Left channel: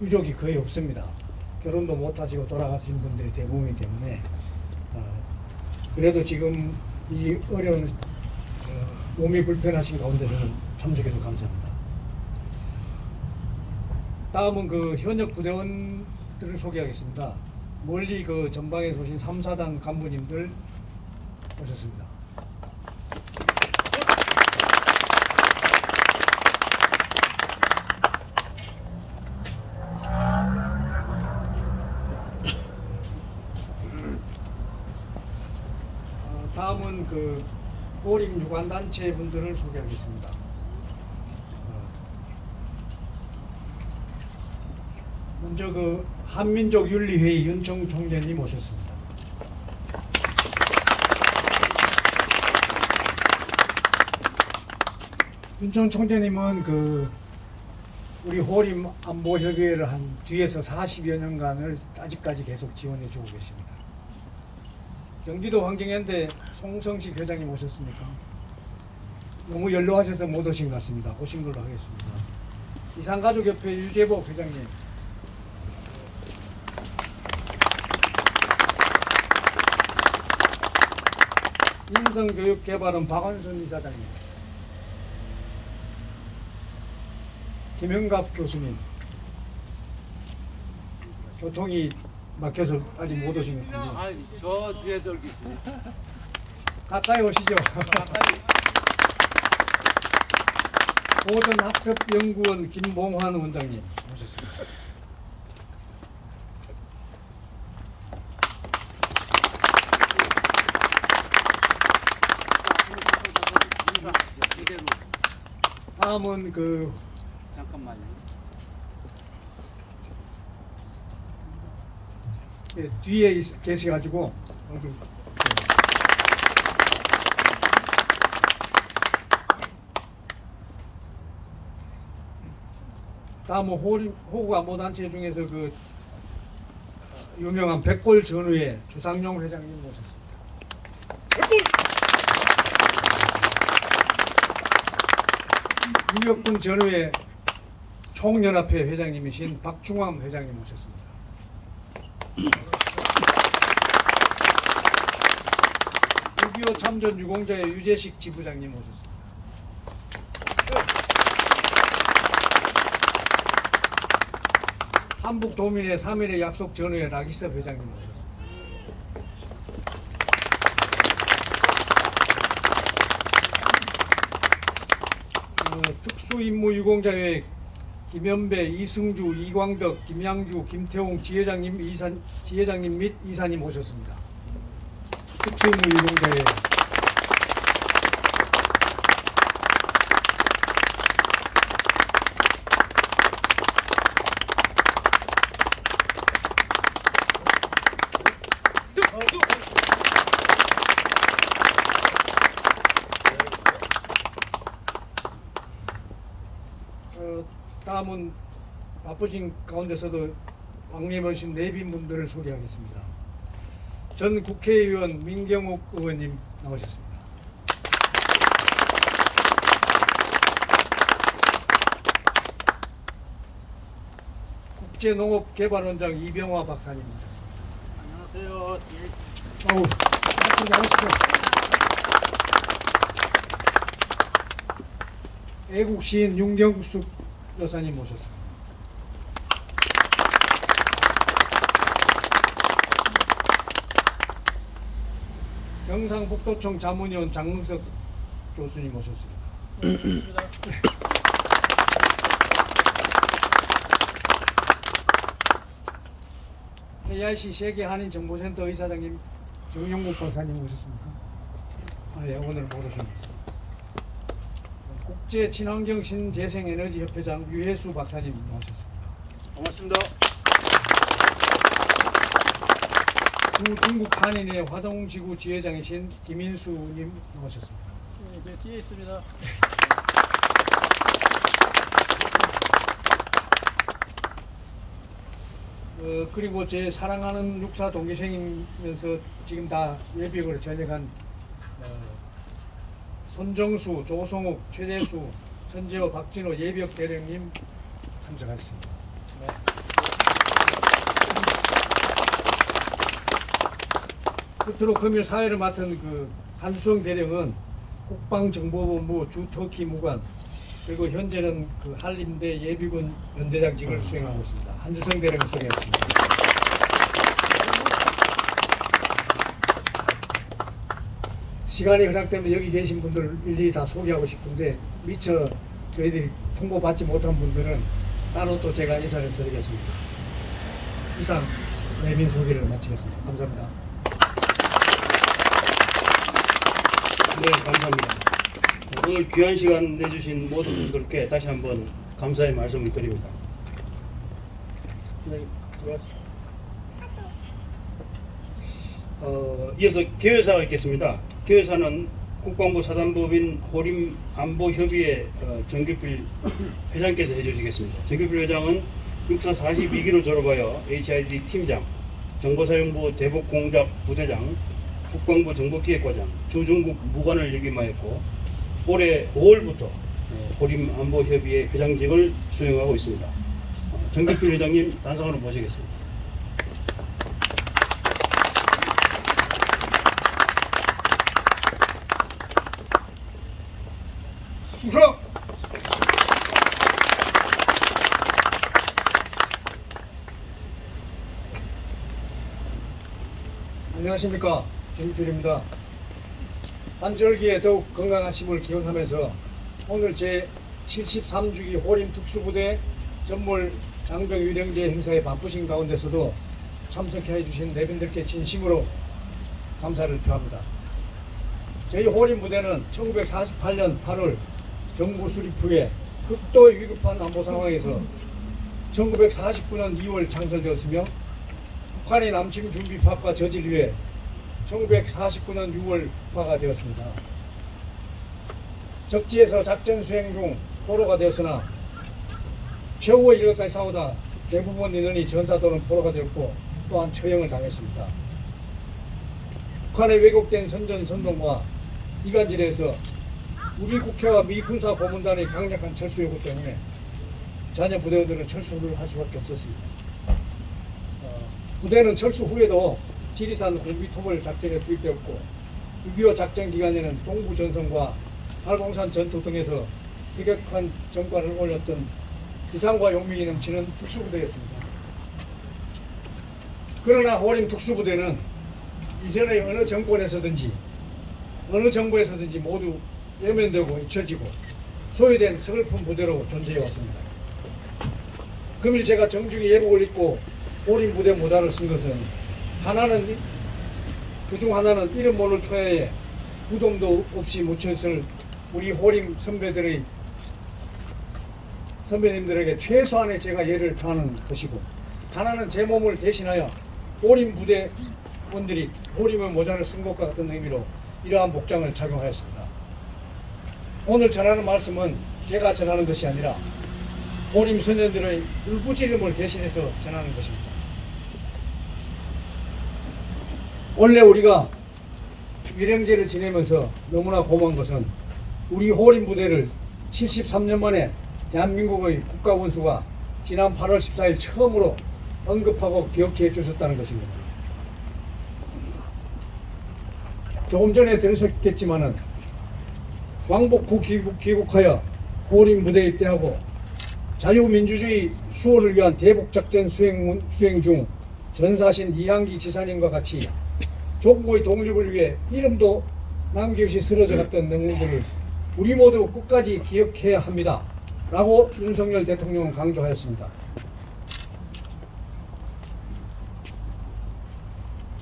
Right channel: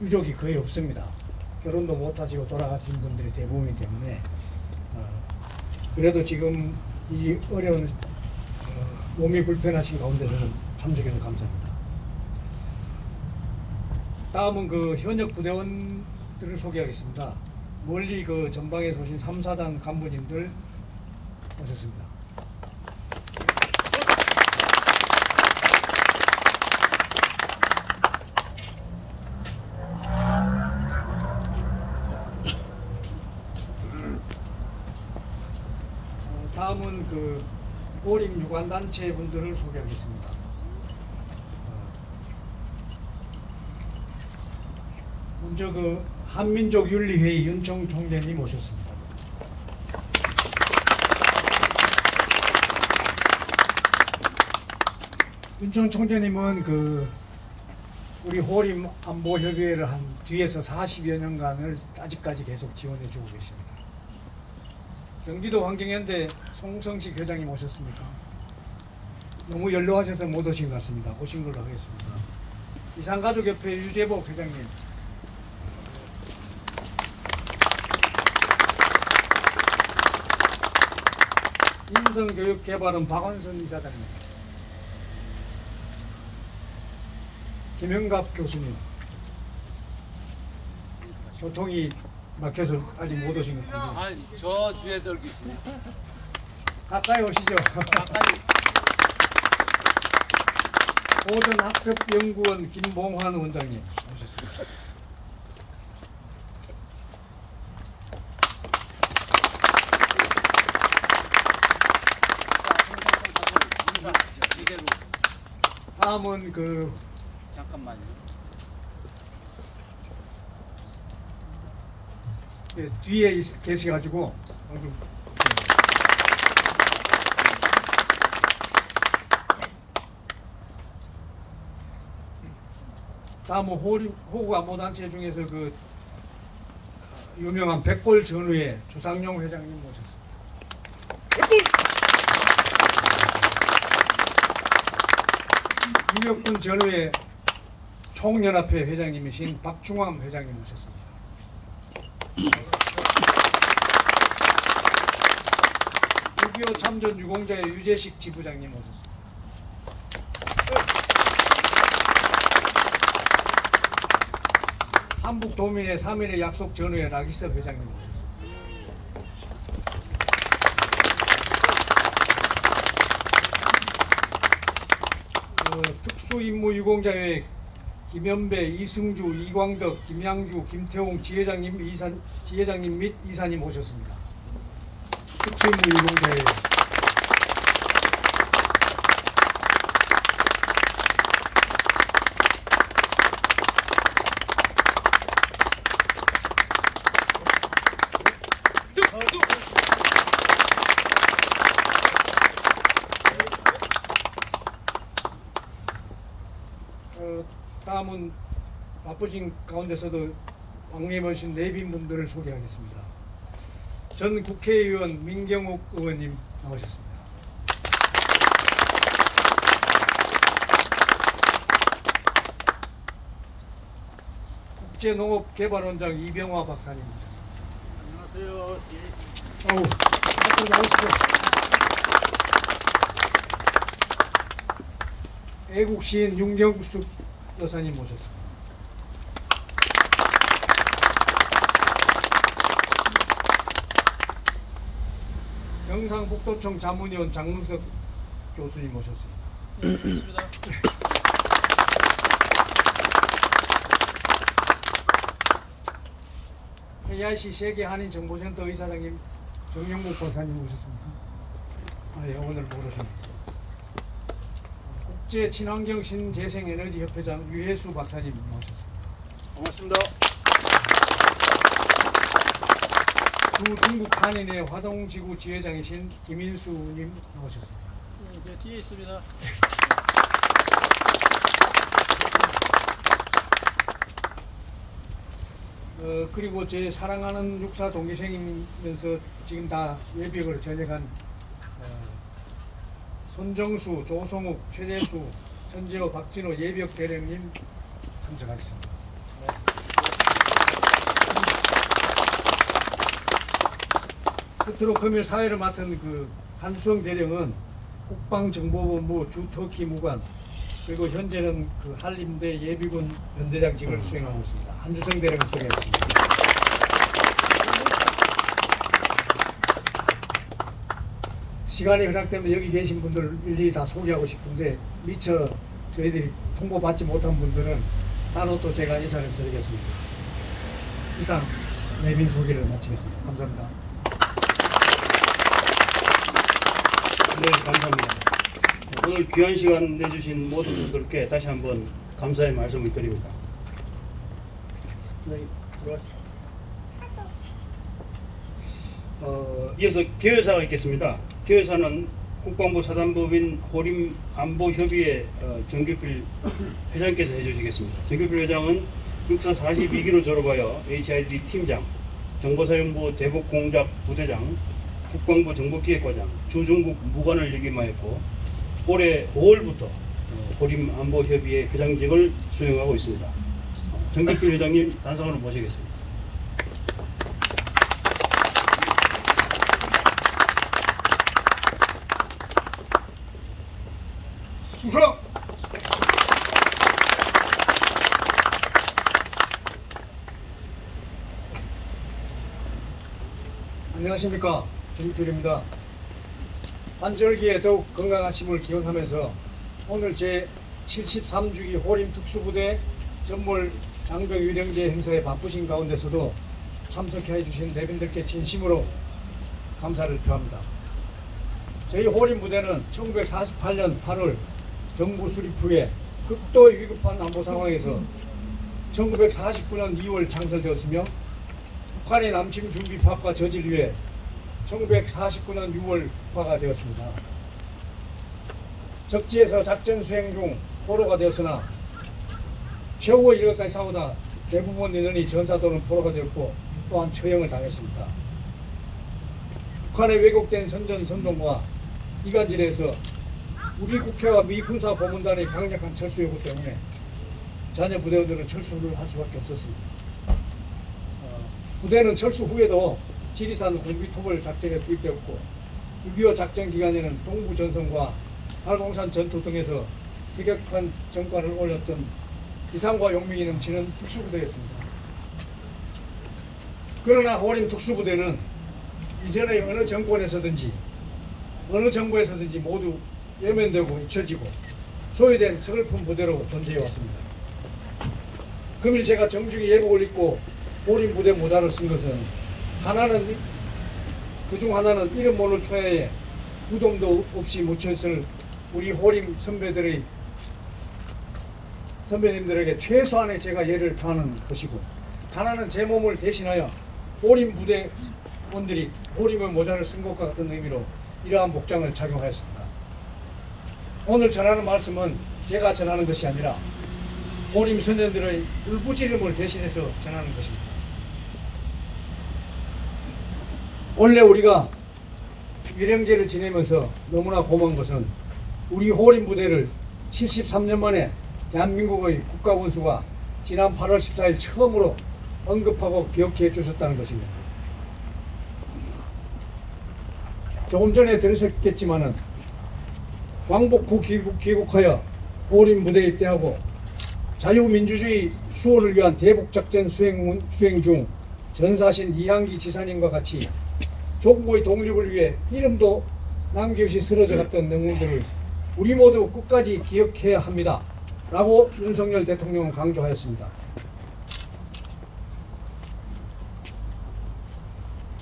유족이 거의 없습니다. 결혼도 못하시고 돌아가신 분들이 대부분이기 때문에 그래도 지금 이 어려운 몸이 불편하신 가운데 저는 참석해서 감사합니다. 다음은 그 현역 부대원들을 소개하겠습니다. 멀리 그 전방에서 오신 3, 4단 간부님들 오셨습니다. 다음은 그 보림 유관단체 분들을 소개하겠습니다. 먼저 그 한민족윤리회의 윤청 총재님 오셨습니다. 윤청 총재님은 그 우리 호림 안보협의회를 한 뒤에서 40여 년간을 아직까지 계속 지원해 주고 계십니다. 경기도 환경연대 송성식 회장님 오셨습니까? 너무 연로하셔서 못 오신 것 같습니다. 오신 걸로 하겠습니다. 이산가족협회 유재복 회장님, 인성교육개발원 박원순 이사장님, 김영갑 교수님, 교통이 막혀서 아직 못 오신 것 같습니다. 아니, 저 뒤에 들 계시네. 가까이 오시죠. 가까이. 고전학습연구원 김봉환 원장님 오셨습니다. 이대로. 다음은 그 잠깐만요. 뒤에 계셔가지고 여기 다음은 호구 안보단체 중에서 그 유명한 백골 전우회 주상용 회장님 모셨습니다. 유격군 전우회 총연합회 회장님이신 박중암 회장님 모셨습니다. 6.25 참전 유공자의 유재식 지부장님 모셨습니다. 한북도민의 3.1의 약속 전후의 락이섭 회장님 모셨습니다. 특수임무유공자회 김현배, 이승주, 이광덕, 김양주, 김태홍 지회장님 및 이사님 오셨습니다. 특수임무유공자회 다음은 바쁘신 가운데서도 방문해 오신 내빈분들을 소개하겠습니다. 전 국회의원 민경욱 의원님 나오셨습니다. 국제농업개발원장 이병화 박사님 모셨습니다. 안녕하세요. 어우, 박수 나오시죠. 애국시인 윤경숙 여사님 모셨습니다. 경상북도청 자문위원 장문석 교수님 모셨습니다. 반갑습니다. KRC 세계한인정보센터 의사장님 정영국 박사님 모셨습니다. 네, 오늘 모르셨습니다. 국제친환경신재생에너지협회장 유혜수 박사님 모셨습니다. 반갑습니다. 중국 한인의 화동지구 지회장이신 김인수님 모셨습니다. 네, 저 뒤에 있습니다. 그리고 제 사랑하는 육사 동기생이면서 지금 다 예비역으로 전역한 손정수, 조성욱, 최재수, 천재호, 박진호 예비역 대령님 참석하셨습니다. 네. 끝으로 금일 사회를 맡은 그 한수성 대령은 국방정보본부 주터키 무관 그리고 현재는 그 한림대 예비군 연대장직을 수행하고 있습니다. 한수성 대령을 소개했습니다. 시간이 허락되면 여기 계신 분들 일일이 다 소개하고 싶은데 미처 저희들이 통보받지 못한 분들은 따로 또 제가 인사를 드리겠습니다. 이상 내빈 소개를 마치겠습니다. 감사합니다. 네, 감사합니다. 오늘 귀한 시간 내주신 모든 분들께 다시 한번 감사의 말씀을 드립니다. 네, 들어가시죠. 이어서 개회사가 있겠습니다. 개회사는 국방부 사단법인 호림안보협의회 정규필 회장께서 해주시겠습니다. 정규필 회장은 육사 42기로 졸업하여 HID 팀장, 정보사령부 대북공작 부대장, 국방부 정보기획과장, 주중국 무관을 역임하였고 올해 5월부터 호림안보협의회 회장직을 수행하고 있습니다. 정규필 회장님 단상으로 모시겠습니다. 충성! 안녕하십니까, 정필입니다. 한절기에 더욱 건강하심을 기원하면서 오늘 제 73주기 호림 특수부대 전몰 장병 유령제 행사에 바쁘신 가운데서도 참석해 주신 내빈들께 진심으로 감사를 표합니다. 저희 호림 부대는 1948년 8월 정부 수립 후에 극도의 위급한 안보 상황에서 1949년 2월 창설되었으며 북한의 남침 준비 파업과 저질 위해 1949년 6월 국화가 되었습니다. 적지에서 작전 수행 중 포로가 되었으나 최후의 일각까지 싸우다 대부분 인원이 전사 또는 포로가 되었고 또한 처형을 당했습니다. 북한의 왜곡된 선전선동과 이간질에서 우리 국회와 미 군사 고문단의 강력한 철수 요구 때문에 자녀 부대원들은 철수를 할 수밖에 없었습니다. 부대는 철수 후에도 지리산 공비토벌 작전에 투입되었고 6.25 작전 기간에는 동부전선과 팔공산 전투 등에서 희격한 전과를 올렸던 비상과 용맹이 넘치는 특수부대였습니다. 그러나 호림 특수부대는 이전의 어느 정권에서든지 어느 정부에서든지 모두 외면되고 잊혀지고 소외된 서글픈 부대로 존재해 왔습니다. 금일 제가 정중히 예복을 입고 호림 부대 모자를 쓴 것은 그중 하나는 이름 모를 초야에 유동도 없이 묻혔을 우리 호림 선배님들에게 최소한의 제가 예를 표하는 것이고, 하나는 제 몸을 대신하여 호림 부대원들이 호림의 모자를 쓴 것과 같은 의미로 이러한 복장을 착용하였습니다. 오늘 전하는 말씀은 제가 전하는 것이 아니라 호림 소년들의 울부짖음을 대신해서 전하는 것입니다. 원래 우리가 유령제를 지내면서 너무나 고마운 것은 우리 호림 부대를 73년 만에 대한민국의 국가원수가 지난 8월 14일 처음으로 언급하고 기억해 주셨다는 것입니다. 조금 전에 들으셨겠지만은 광복 후 귀국하여 호림 부대에 입대하고 자유민주주의 수호를 위한 대북작전 수행 중 전사하신 이항기 지사님과 같이 조국의 독립을 위해 이름도 남김없이 쓰러져 갔던 영웅들을 우리 모두 끝까지 기억해야 합니다. 라고 윤석열 대통령은 강조하였습니다.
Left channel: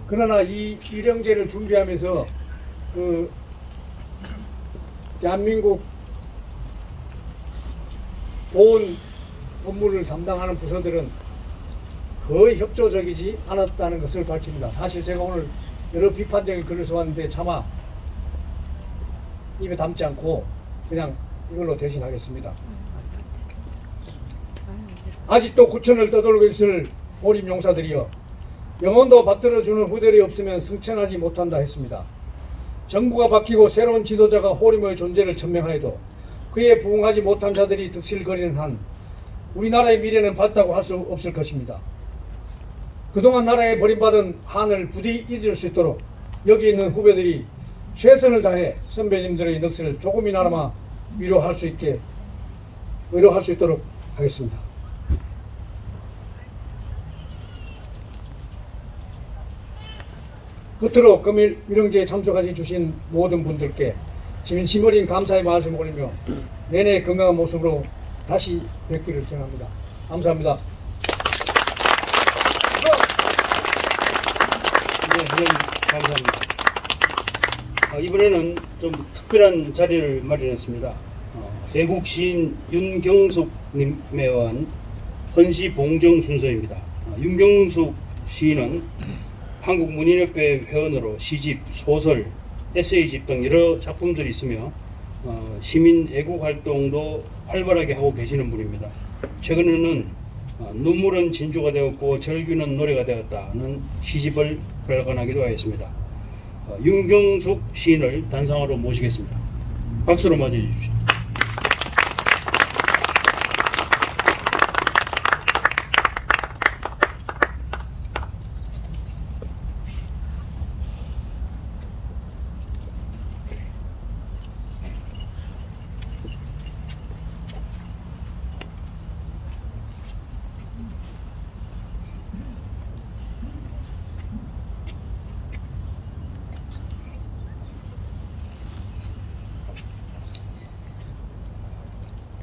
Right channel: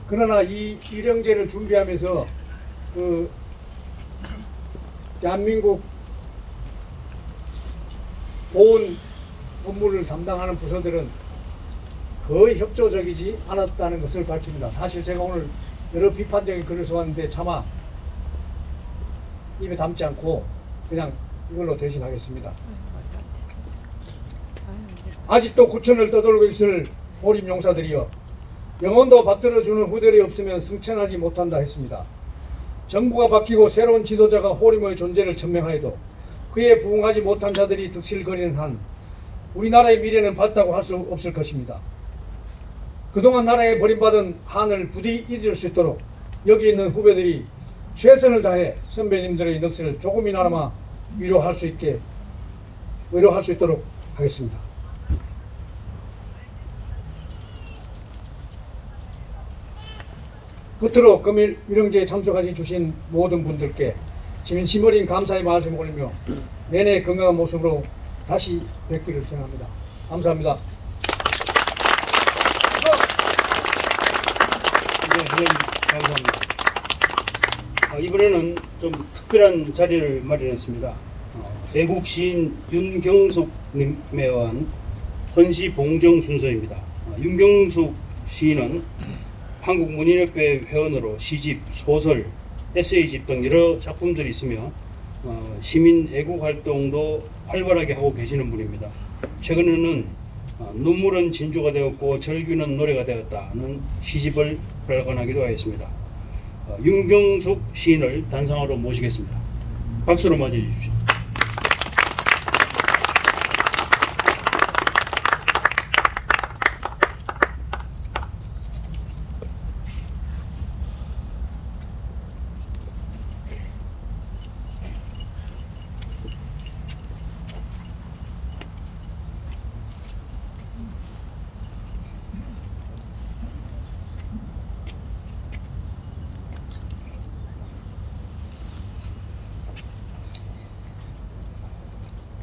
그러나 이 유령제를 준비하면서 대한민국 보훈 업무를 담당하는 부서들은 거의 협조적이지 않았다는 것을 밝힙니다. 사실 제가 오늘 여러 비판적인 글을 써왔는데 차마 입에 담지 않고 그냥 이걸로 대신하겠습니다. 아직도 구천을 떠돌고 있을 호림 용사들이여, 영혼도 받들어주는 후대들이 없으면 승천하지 못한다 했습니다. 정부가 바뀌고 새로운 지도자가 호림의 존재를 천명하여도 그에 부응하지 못한 자들이 득실거리는 한 우리나라의 미래는 밝다고 할 수 없을 것입니다. 그동안 나라에 버림받은 한을 부디 잊을 수 있도록 여기 있는 후배들이 최선을 다해 선배님들의 넋을 조금이나마 위로할 수 있도록 하겠습니다. 끝으로 금일 위령제에 참석하시 주신 모든 분들께 진심 어린 감사의 말씀을 올리며 내내 건강한 모습으로 다시 뵙기를 전합니다. 감사합니다. 네, 회장님 감사합니다. 이번에는 좀 특별한 자리를 마련했습니다. 대북 시인 윤경숙 님에 의한 헌시 봉정 순서입니다. 윤경숙 시인은 한국문인협회 회원으로 시집, 소설, 에세이집 등 여러 작품들이 있으며 시민 애국 활동도 활발하게 하고 계시는 분입니다. 최근에는 눈물은 진주가 되었고 절규는 노래가 되었다는 시집을 발간하기도 하였습니다. 윤경숙 시인을 단상으로 모시겠습니다. 박수로 맞이해 주십시오.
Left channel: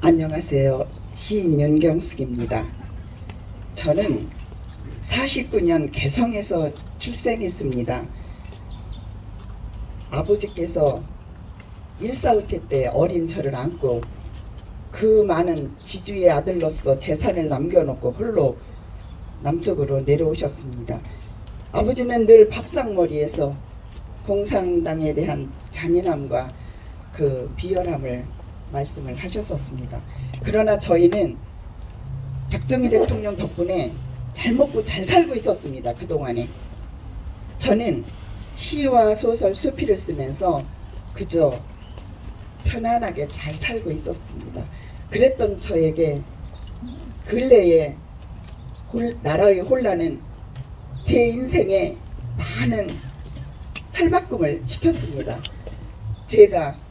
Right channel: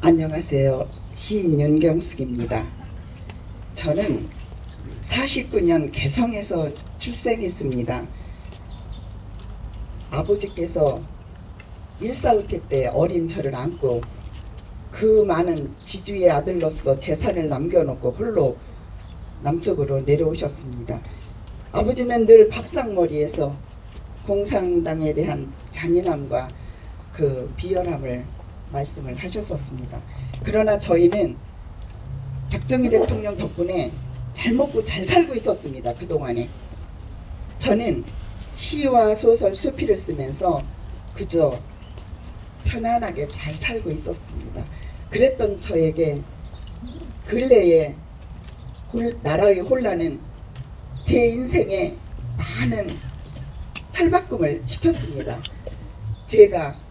안녕하세요. 시인 윤경숙입니다. 저는 49년 개성에서 출생했습니다. 아버지께서 일사흘기 때 어린 저를 안고 그 많은 지주의 아들로서 재산을 남겨놓고 홀로 남쪽으로 내려오셨습니다. 아버지는 늘 밥상머리에서 공산당에 대한 잔인함과 그 비열함을 말씀을 하셨었습니다. 그러나 저희는 박정희 대통령 덕분에 잘 먹고 잘 살고 있었습니다. 그동안에 저는 시와 소설, 수필을 쓰면서 그저 편안하게 잘 살고 있었습니다. 그랬던 저에게 근래에 나라의 혼란은 제 인생에 많은 탈바꿈을 시켰습니다. 제가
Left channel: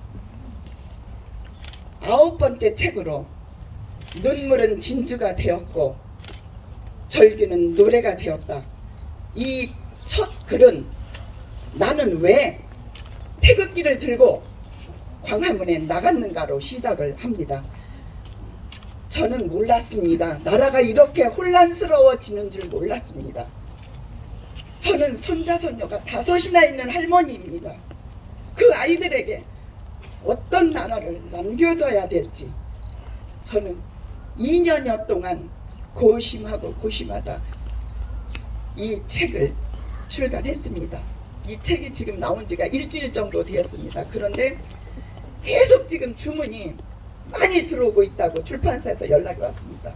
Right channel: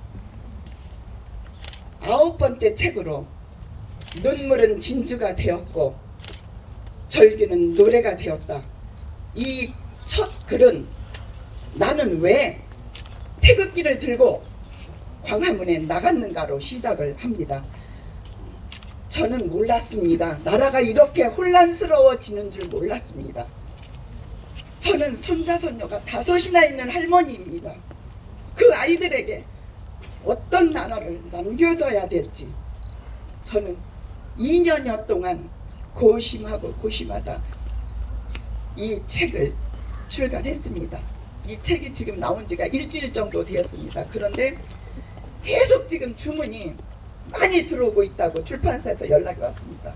9번째 책으로 눈물은 진주가 되었고 절규는 노래가 되었다. 이 첫 글은 나는 왜 태극기를 들고 광화문에 나갔는가로 시작을 합니다. 저는 몰랐습니다. 나라가 이렇게 혼란스러워지는 줄 몰랐습니다. 저는 손자 손녀가 5이나 있는 할머니입니다. 그 아이들에게 어떤 나라를 남겨줘야 될지 저는 2년여 동안 고심하고 고심하다 이 책을 출간했습니다. 이 책이 지금 나온 지가 일주일 정도 되었습니다. 그런데 계속 지금 주문이 많이 들어오고 있다고 출판사에서 연락이 왔습니다.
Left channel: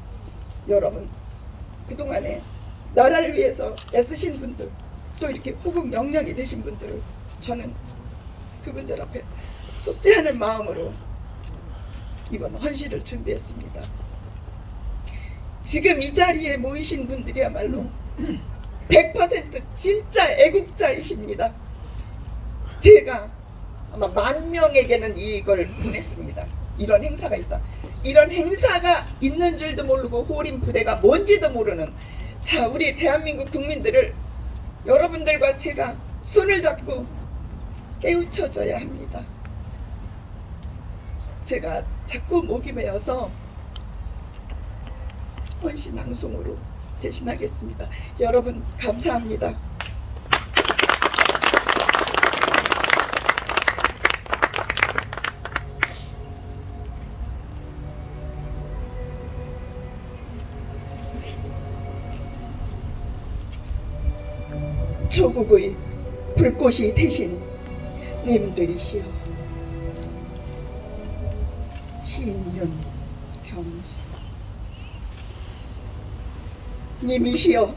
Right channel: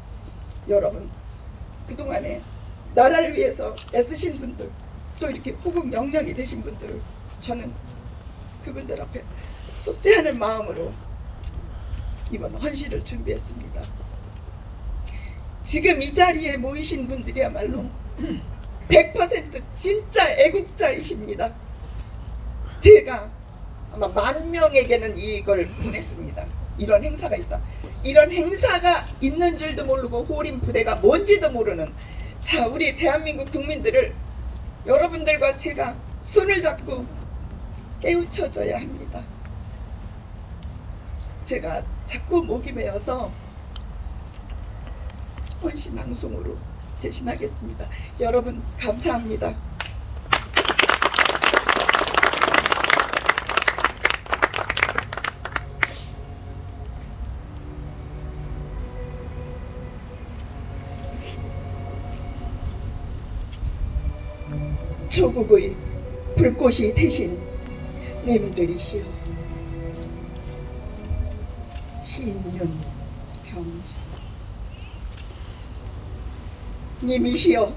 여러분, 그동안에 나라를 위해서 애쓰신 분들, 또 이렇게 호국 영령이 되신 분들, 저는 그분들 앞에 속죄하는 마음으로 이번 헌시를 준비했습니다. 지금 이 자리에 모이신 분들이야말로 100% 진짜 애국자이십니다. 제가 아마 10,000명에게는 이걸 보냈습니다. 이런 행사가 있다. 이런 행사가 있는 줄도 모르고 호림 부대가 뭔지도 모르는 우리 대한민국 국민들을 여러분들과 제가 손을 잡고 깨우쳐줘야 합니다. 제가 자꾸 목이 메어서 헌시 낭송으로 대신하겠습니다. 여러분 감사합니다. 조국의 불꽃이 되신 님들이시여, 신윤병수 님이시여,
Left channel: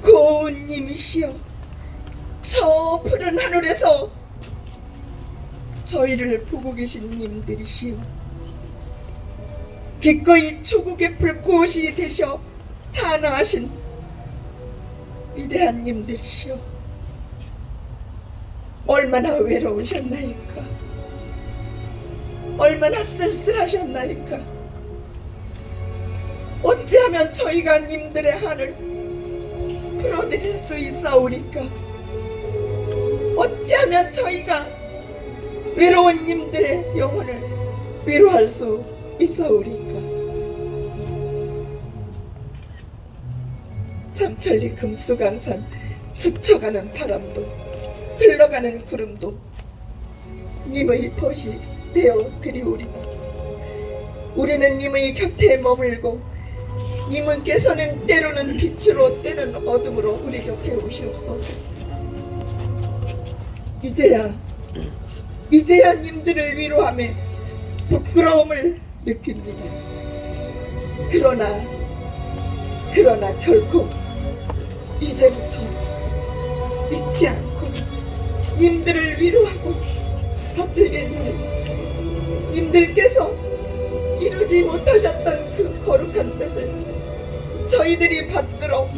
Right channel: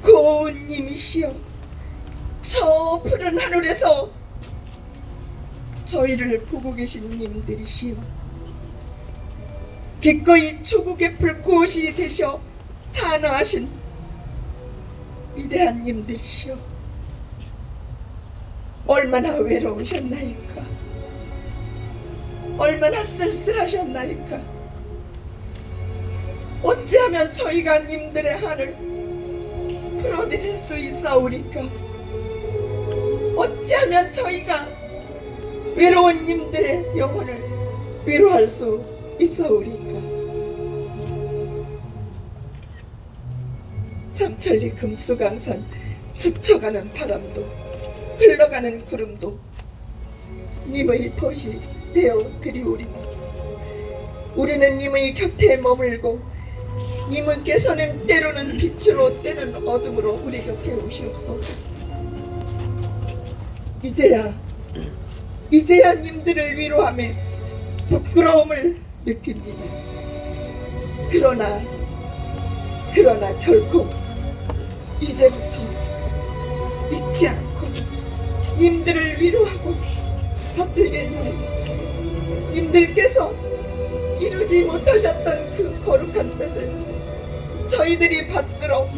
고운 님이시여, 저 푸른 하늘에서 저희를 보고 계신 님들이시여, 기꺼이 조국의 불꽃이 되셔 산화하신 위대한 님들이시여, 얼마나 외로우셨나이까? 얼마나 쓸쓸하셨나이까? 어찌하면 저희가 님들의 한을 풀어드릴 수 있사오리까? 어찌하면 저희가 외로운 님들의 영혼을 위로할 수 있사오리까? 삼천리 금수강산 스쳐가는 바람도 흘러가는 구름도 님의 벗이 되어 드리오리나. 우리는 님의 곁에 머물고 님은께서는 때로는 빛으로 때로는 어둠으로 우리 곁에 오시옵소서. 이제야 님들을 위로하며 부끄러움을 느낍니다. 그러나 결코 이제부터 잊지 않고 님들을 위로하고 받들겠나이다. 님들께서 이루지 못하셨던 그 거룩한 뜻을 저희들이 받들어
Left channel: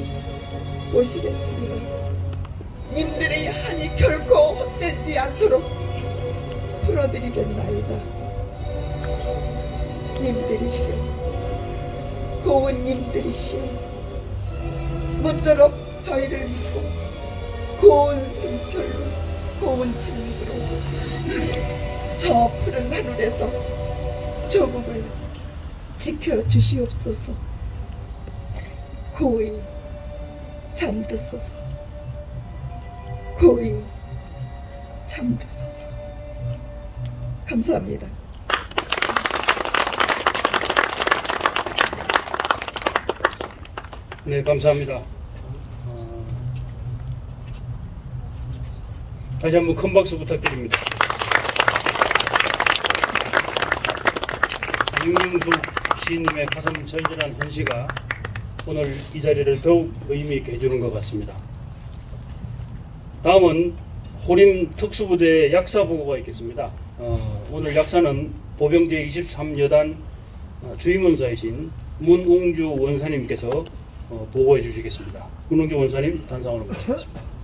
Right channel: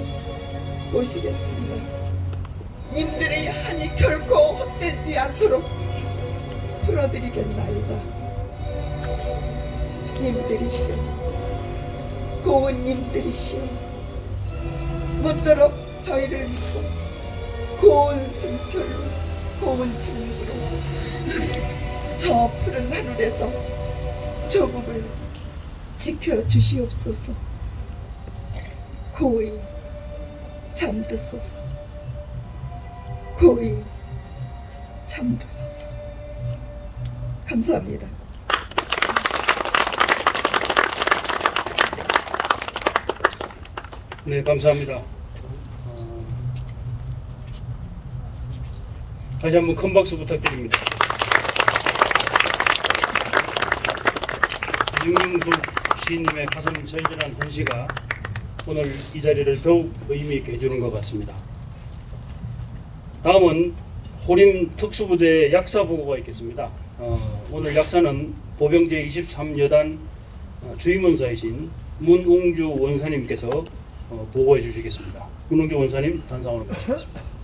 오시겠습니다. 님들의 한이 결코 헛되지 않도록 풀어드리겠나이다. 님들이시여, 고운 님들이시여, 모쪼록 저희를 믿고 고운 숨결로 고운 진리로 저 푸른 하늘에서 조국을 지켜주시옵소서. 고이 잠드소서. 고이 잠드소서. 감사합니다. 네, 감사합니다. 다시 한번 큰 박수 부탁드립니다. 이웅국 시인님의 가슴 절절한 헌시가 오늘 이 자리를 더욱 의미 있게 해주는 것 같습니다. 다음은 호림 특수부대 약사 보고가 있겠습니다. 오늘 약사는 보병제 23여단 주임원사이신 문웅주 원사님께서 보고해 주시겠습니다. 문웅주 원사님 단상으로 모시겠습니다.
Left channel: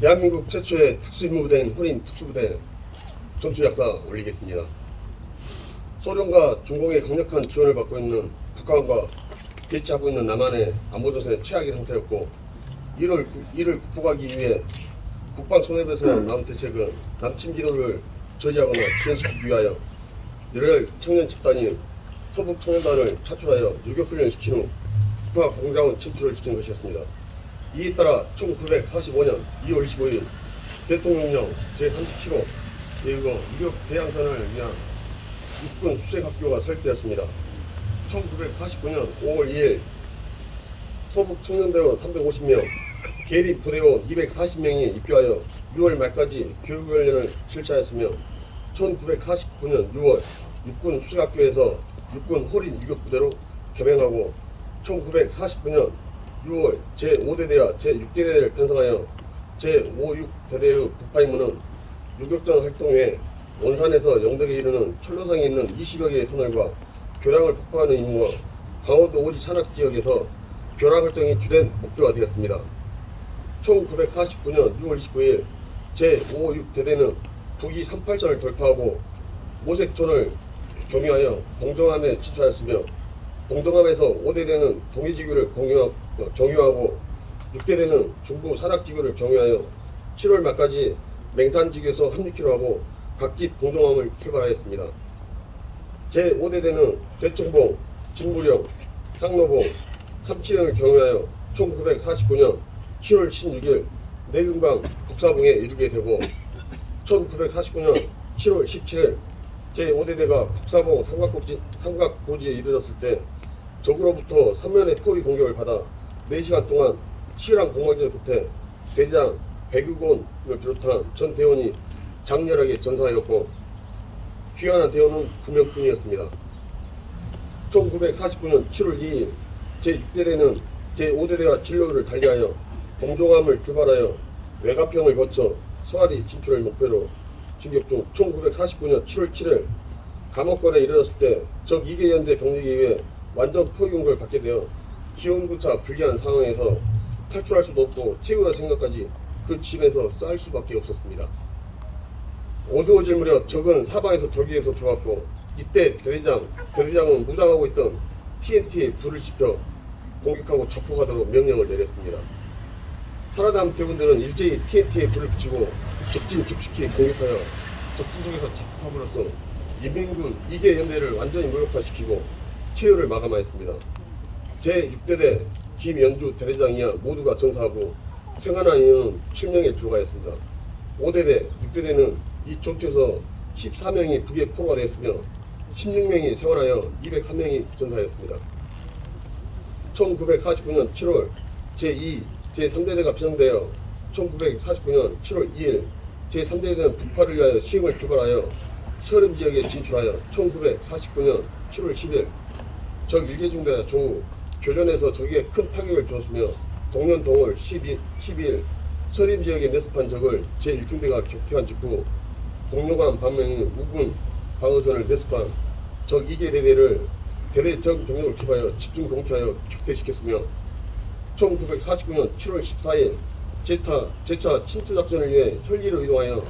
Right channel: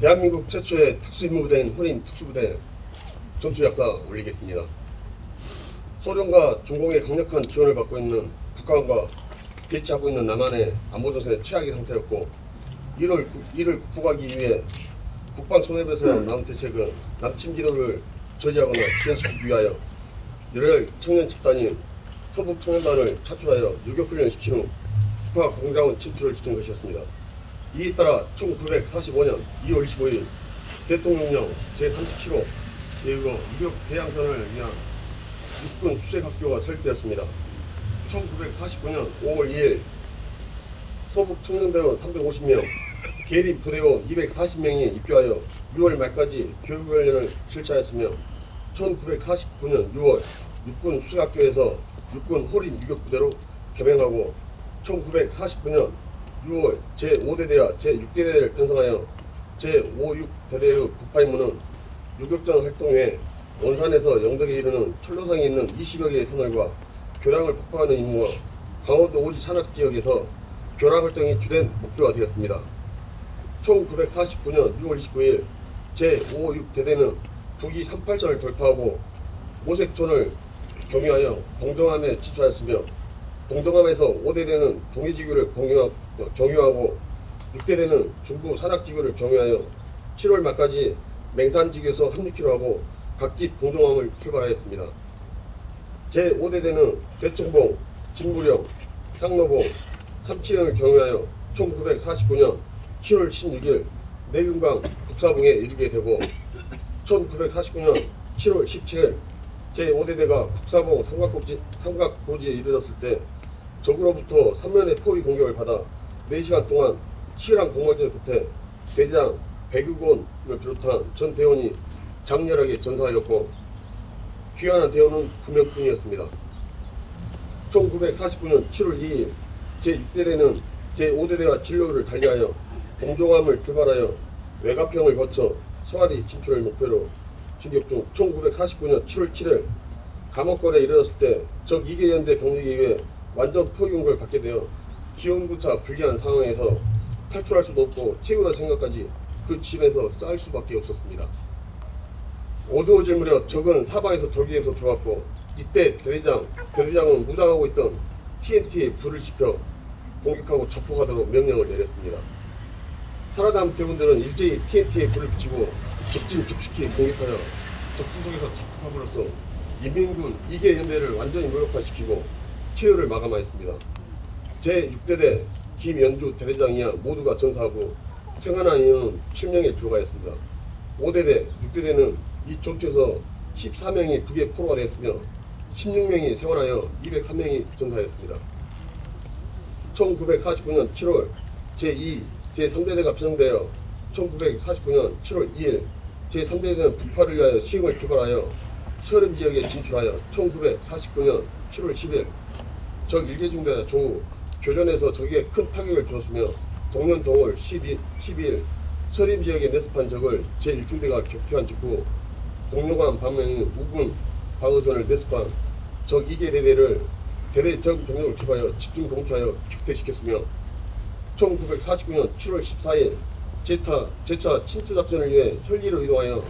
대한민국 최초의 특수임무부대인 호림 특수부대 전투약사 올리겠습니다. 소련과 중공의 강력한 지원을 받고 있는 북한과 대치하고 있는 남한의 안보정세는 최악의 상태였고 이를 극복하기 위해 국방 손해배서 남은 대책은 남침 기도를 저지하거나 지연시키기 위하여 열혈 청년 집단이 서북 청년단을 차출하여 유격훈련을 시킨 후 북한 공장원 침투를 지킨 것이었습니다. 이에 따라 1945년 2월 25일 대통령령 제37호 제6호 유격 대양선을 위한 육군 수색학교가 설립되었습니다. 1949년 5월 2일 서북 청년대원 350명, 계립 부대원 240명이 입교하여 6월 말까지 교육훈련을 실시하였으며 1949년 6월 육군 수색학교에서 육군 호림 유격부대로 개명하고 1949년 6월 제5대대와 제6대대를 편성하여 제56대대의 북파 임무는 유격전 활동 외 원산에서 영덕에 이르는 철로성에 있는 20여 개의 터널과 교량을 폭파하는 임무와 강원도 오지 산악 지역에서 교량 활동이 주된 목표가 되었습니다. 1949년 6월 29일 제56대대는 북이 38선을 돌파하고 모색촌을 경유하여 봉정암에 진출하였으며 봉정암에서 5대대는 동해지구를 경유하고 6대대는 중부 산악지구를 경유하여 7월 말까지 맹산지구에서 합류키로 하고 각기 봉정암을 출발하였습니다. 제5대대는 대청봉, 진무령, 향로봉, 삼치령을 경유하여 1949년 7월 16일 내금강 북사봉에 이르게 되고 1949년 7월 17일 제5대대가 북사봉 삼각고지에 이르렀을 때 적으로부터 3면의 포위 공격을 받아 4시간 동안 치열한 공방전 끝에 대장 백유곤을 비롯한 전 대원이 장렬하게 전사하였고 귀환한 대원은 9명뿐이었습니다. 1949년 7월 2일 제6대대는 제5대대와 진로를 달리하여 범종함을 출발하여 외가평을 거쳐 서아리 진출을 목표로 진격 중 1949년 7월 7일 감옥골에 이르렀을 때 적 2개 연대 병력에 의해 완전 포위공격을 받게 되어 기온구차 불리한 상황에서 탈출할 수도 없고 퇴거할 생각까지 그 집에서 쌀 수밖에 없었습니다. 어두워질 무렵 적은 사방에서 돌기에서 들어왔고 이때 대대장은 무장하고 있던 TNT에 불을 지펴 공격하고 자폭하도록 명령을 내렸습니다. 살아남은 대군들은 일제히 TNT에 불을 붙이고 적진 깊숙이 공격하여 적진 속에서 자폭함으로써 인민군 2개 연대를 완전히 무력화시키고 퇴로를 마감하였습니다. 제6대대 김연주 대대장이야 모두가 전사하고 생還한 인원은 7명에 불과했습니다. 5대대, 6대대는 이 전투에서 14명이 북에 포로가 되었으며 16명이 생還하여 203명이 전사하였습니다. 1949년 7월 제2, 제3대대가 편성되어 1949년 7월 2일 제3대대는 북파를 위하여 시행을 출발하여 서름 지역에 진출하여 1949년 7월 10일 적 1개 중대 조후 교전에서 적에게 큰 타격을 주었으며 동년 동월 12일 서림 지역에 내습한 적을 제1중대가 격퇴한 직후 공룡한 반면인 우군 방어선을 내습한 적 2개 대대를 대대 적 병력을 기하여 집중 공격하여 격퇴시켰으며 1949년 7월 14일 제차 침투작전을 위해 혈기로 이동하여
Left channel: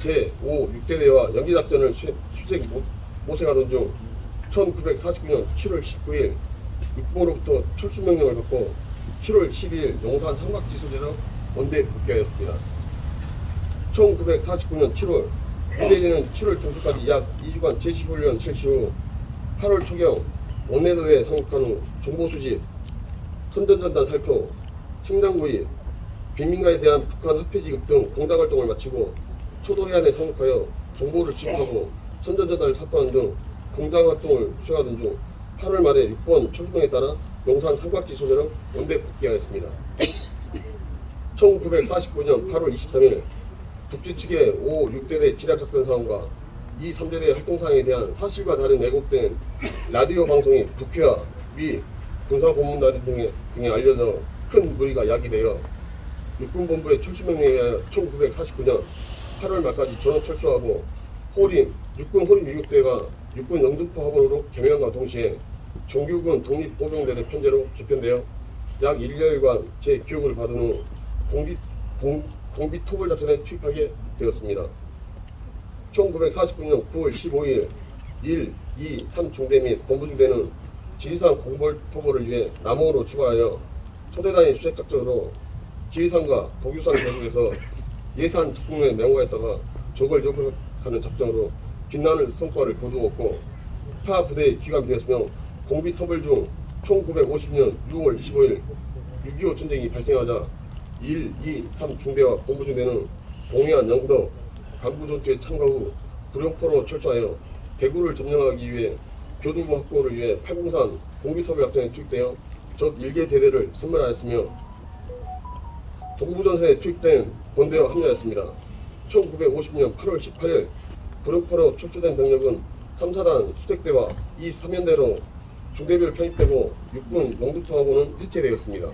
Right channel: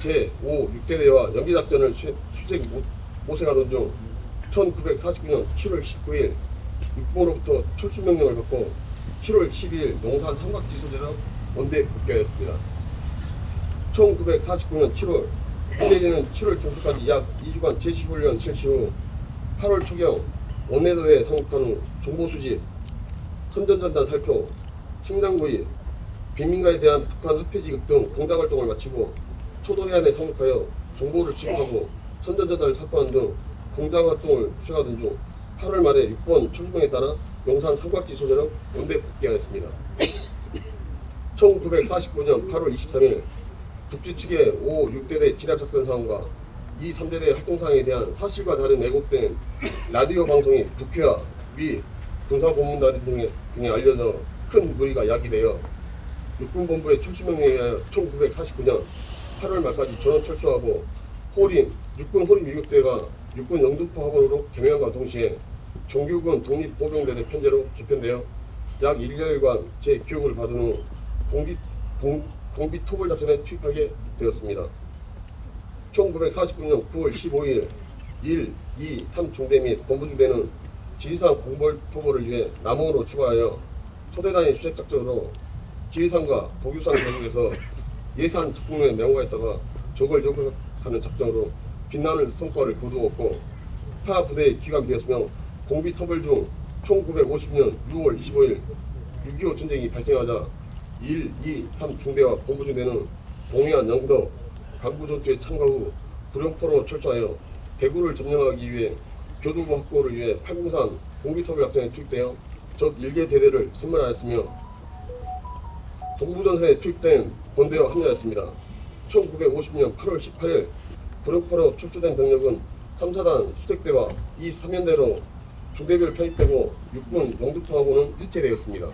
제5, 6대대와 연기작전을 모색하던 중 1949년 7월 19일 육보로부터 철수명령을 받고 7월 12일 용산 삼각지 소재로 원대 복귀하였습니다. 1949년 7월 1대대는 7월 중순까지 약 2주간 제시훈련 실시 후 8월 초경 원내대회에 상륙한 후 정보수집, 선전전단 살표, 식량구입, 빈민가에 대한 북한 화폐 지급 등 공작활동을 마치고 초도해안에 상륙하여 정보를 취급하고 선전전단을 삭발하는 등 공작활동을 수행하던 중 8월 말에 6번 초수명에 따라 용산 삼각지 소재로 원대 복귀하였습니다. 1949년 8월 23일 북지 측의 5, 6대대 진압작전 상황과 이 3대대 활동사항에 대한 사실과 다른 왜곡된 라디오 방송이 북해와 미 군사본부단 등에 알려져 큰 무리가 야기되어 육군본부의 철수명령에 의하여 1949년 8월 말까지 전원 철수하고 육군 호림 6대가 육군 영등포 하본으로 개명함과 동시에 정규군 독립보병대대 편제로 개편되어 약 1개월간 재교육을 받은 후 공비토벌 작전에 투입하게 되었습니다. 1949년 9월 15일 1, 2, 3중대 및 본부중대는 지리산 공벌토벌을 위해 남원으로 출발하여 초대단위 수색작전으로 지리산과 독유산 계곡에서 예산 적군에 내모했다가 적을 요격하는 작전으로 빛나는 성과를 거두었고 타 부대에 기감되었으며 공비토벌 중 1950년 6월 25일 6.25 전쟁이 발생하자 1, 2, 3중대와 본부중대는 동해안 영덕 강구전투에 참가 후 구룡포로 철수하여 대구를 점령하기 위해 교두부 확보를 위해 팔공산 공비토벌 작전에 투입되어 적 1개 대대를 선멸하였으며 동부전선에 투입된 본대와 합류하였습니다. 1950년 8월 18일 구룡포로 축소된 병력은 3, 4단 수색대와 2, 3연대로 중대별 편입되고 육군 영등포하고는 해체되었습니다.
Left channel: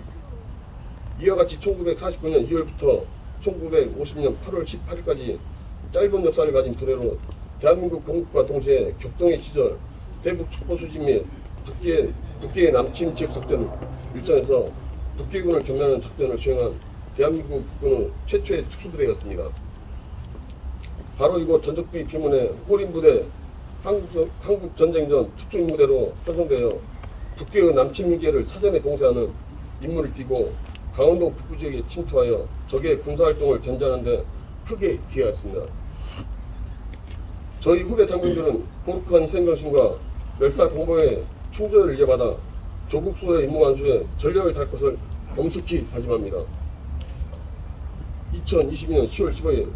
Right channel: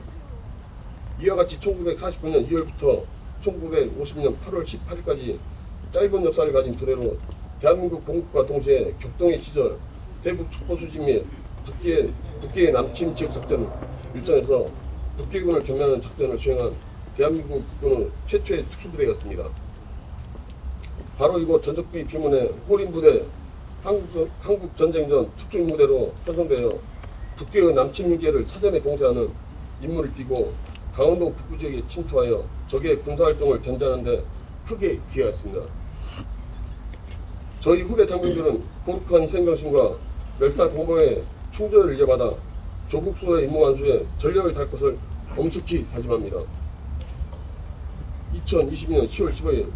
이와 같이 1949년 2월부터 1950년 8월 18일까지 짧은 역사를 가진 부대로 대한민국 건국과 동시에 격동의 시절 대북 촉보 수집 및 북기의 남침 지역 작전 일정에서 북기군을 경멸하는 작전을 수행한 대한민국 국군의 최초의 특수부대였습니다. 바로 이곳 전적비 피문에 호림부대 한국전쟁 전 특수임무대로 편성되어 북괴의 남침 유계를 사전에 봉쇄하는 임무를 띠고 강원도 북부 지역에 침투하여 적의 군사활동을 견제하는 데 크게 기여했습니다. 저희 후배 장병들은 고룩한 희생정신과 멸사공보의 충전을 이어받아 조국 수호의 임무 완수에 전력을 다할 것을 엄숙히 다짐합니다. 2022년 10월 15일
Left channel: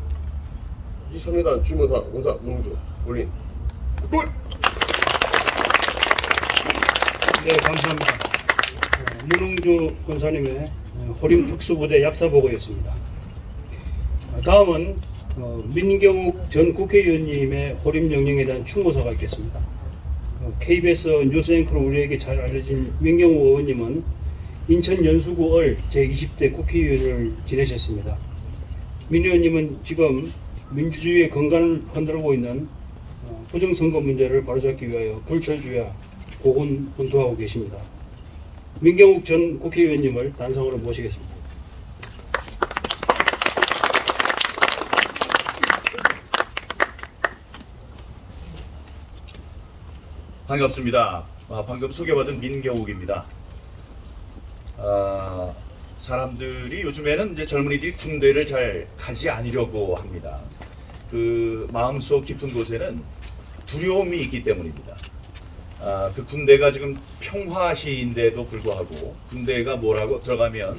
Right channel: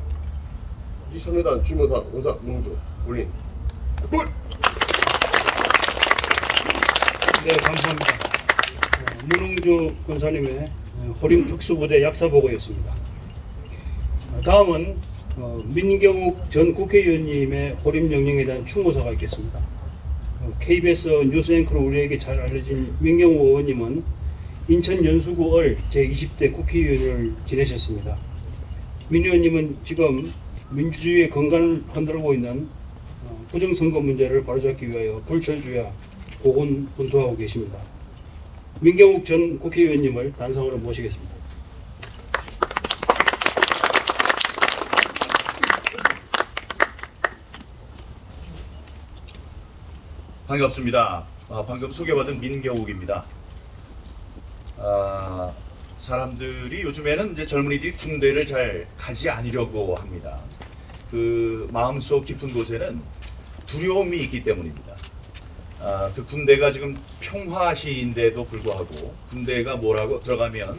23여단 주무사 원사 문무도 올림 굿! 네, 감사합니다. 문흥주 권사님의 호림 특수부대 약사보고였습니다. 다음은 민경욱 전 국회의원님의 호림 영령에 대한 충고사가 있겠습니다. KBS 뉴스 앵커로 우리에게 잘 알려진 민경욱 의원님은 인천 연수구을 제20대 국회의원을 지내셨습니다. 민 의원님은 지금 민주주의의 건강을 흔들고 있는 부정선거 문제를 바로잡기 위하여 불철주야 고군분투하고 계십니다. 민경욱 전 국회의원님을 단상으로 모시겠습니다. 반갑습니다. 방금 소개받은 민경욱입니다. 사람들이 요즘에는 이제 젊은이들이 군대를 잘 가지 않으려고 합니다. 그 마음속 깊은 곳에는 두려움이 있기 때문입니다. 그 군대가 지금 평화시인데도 불구하고 군대가 뭐라고 들어가면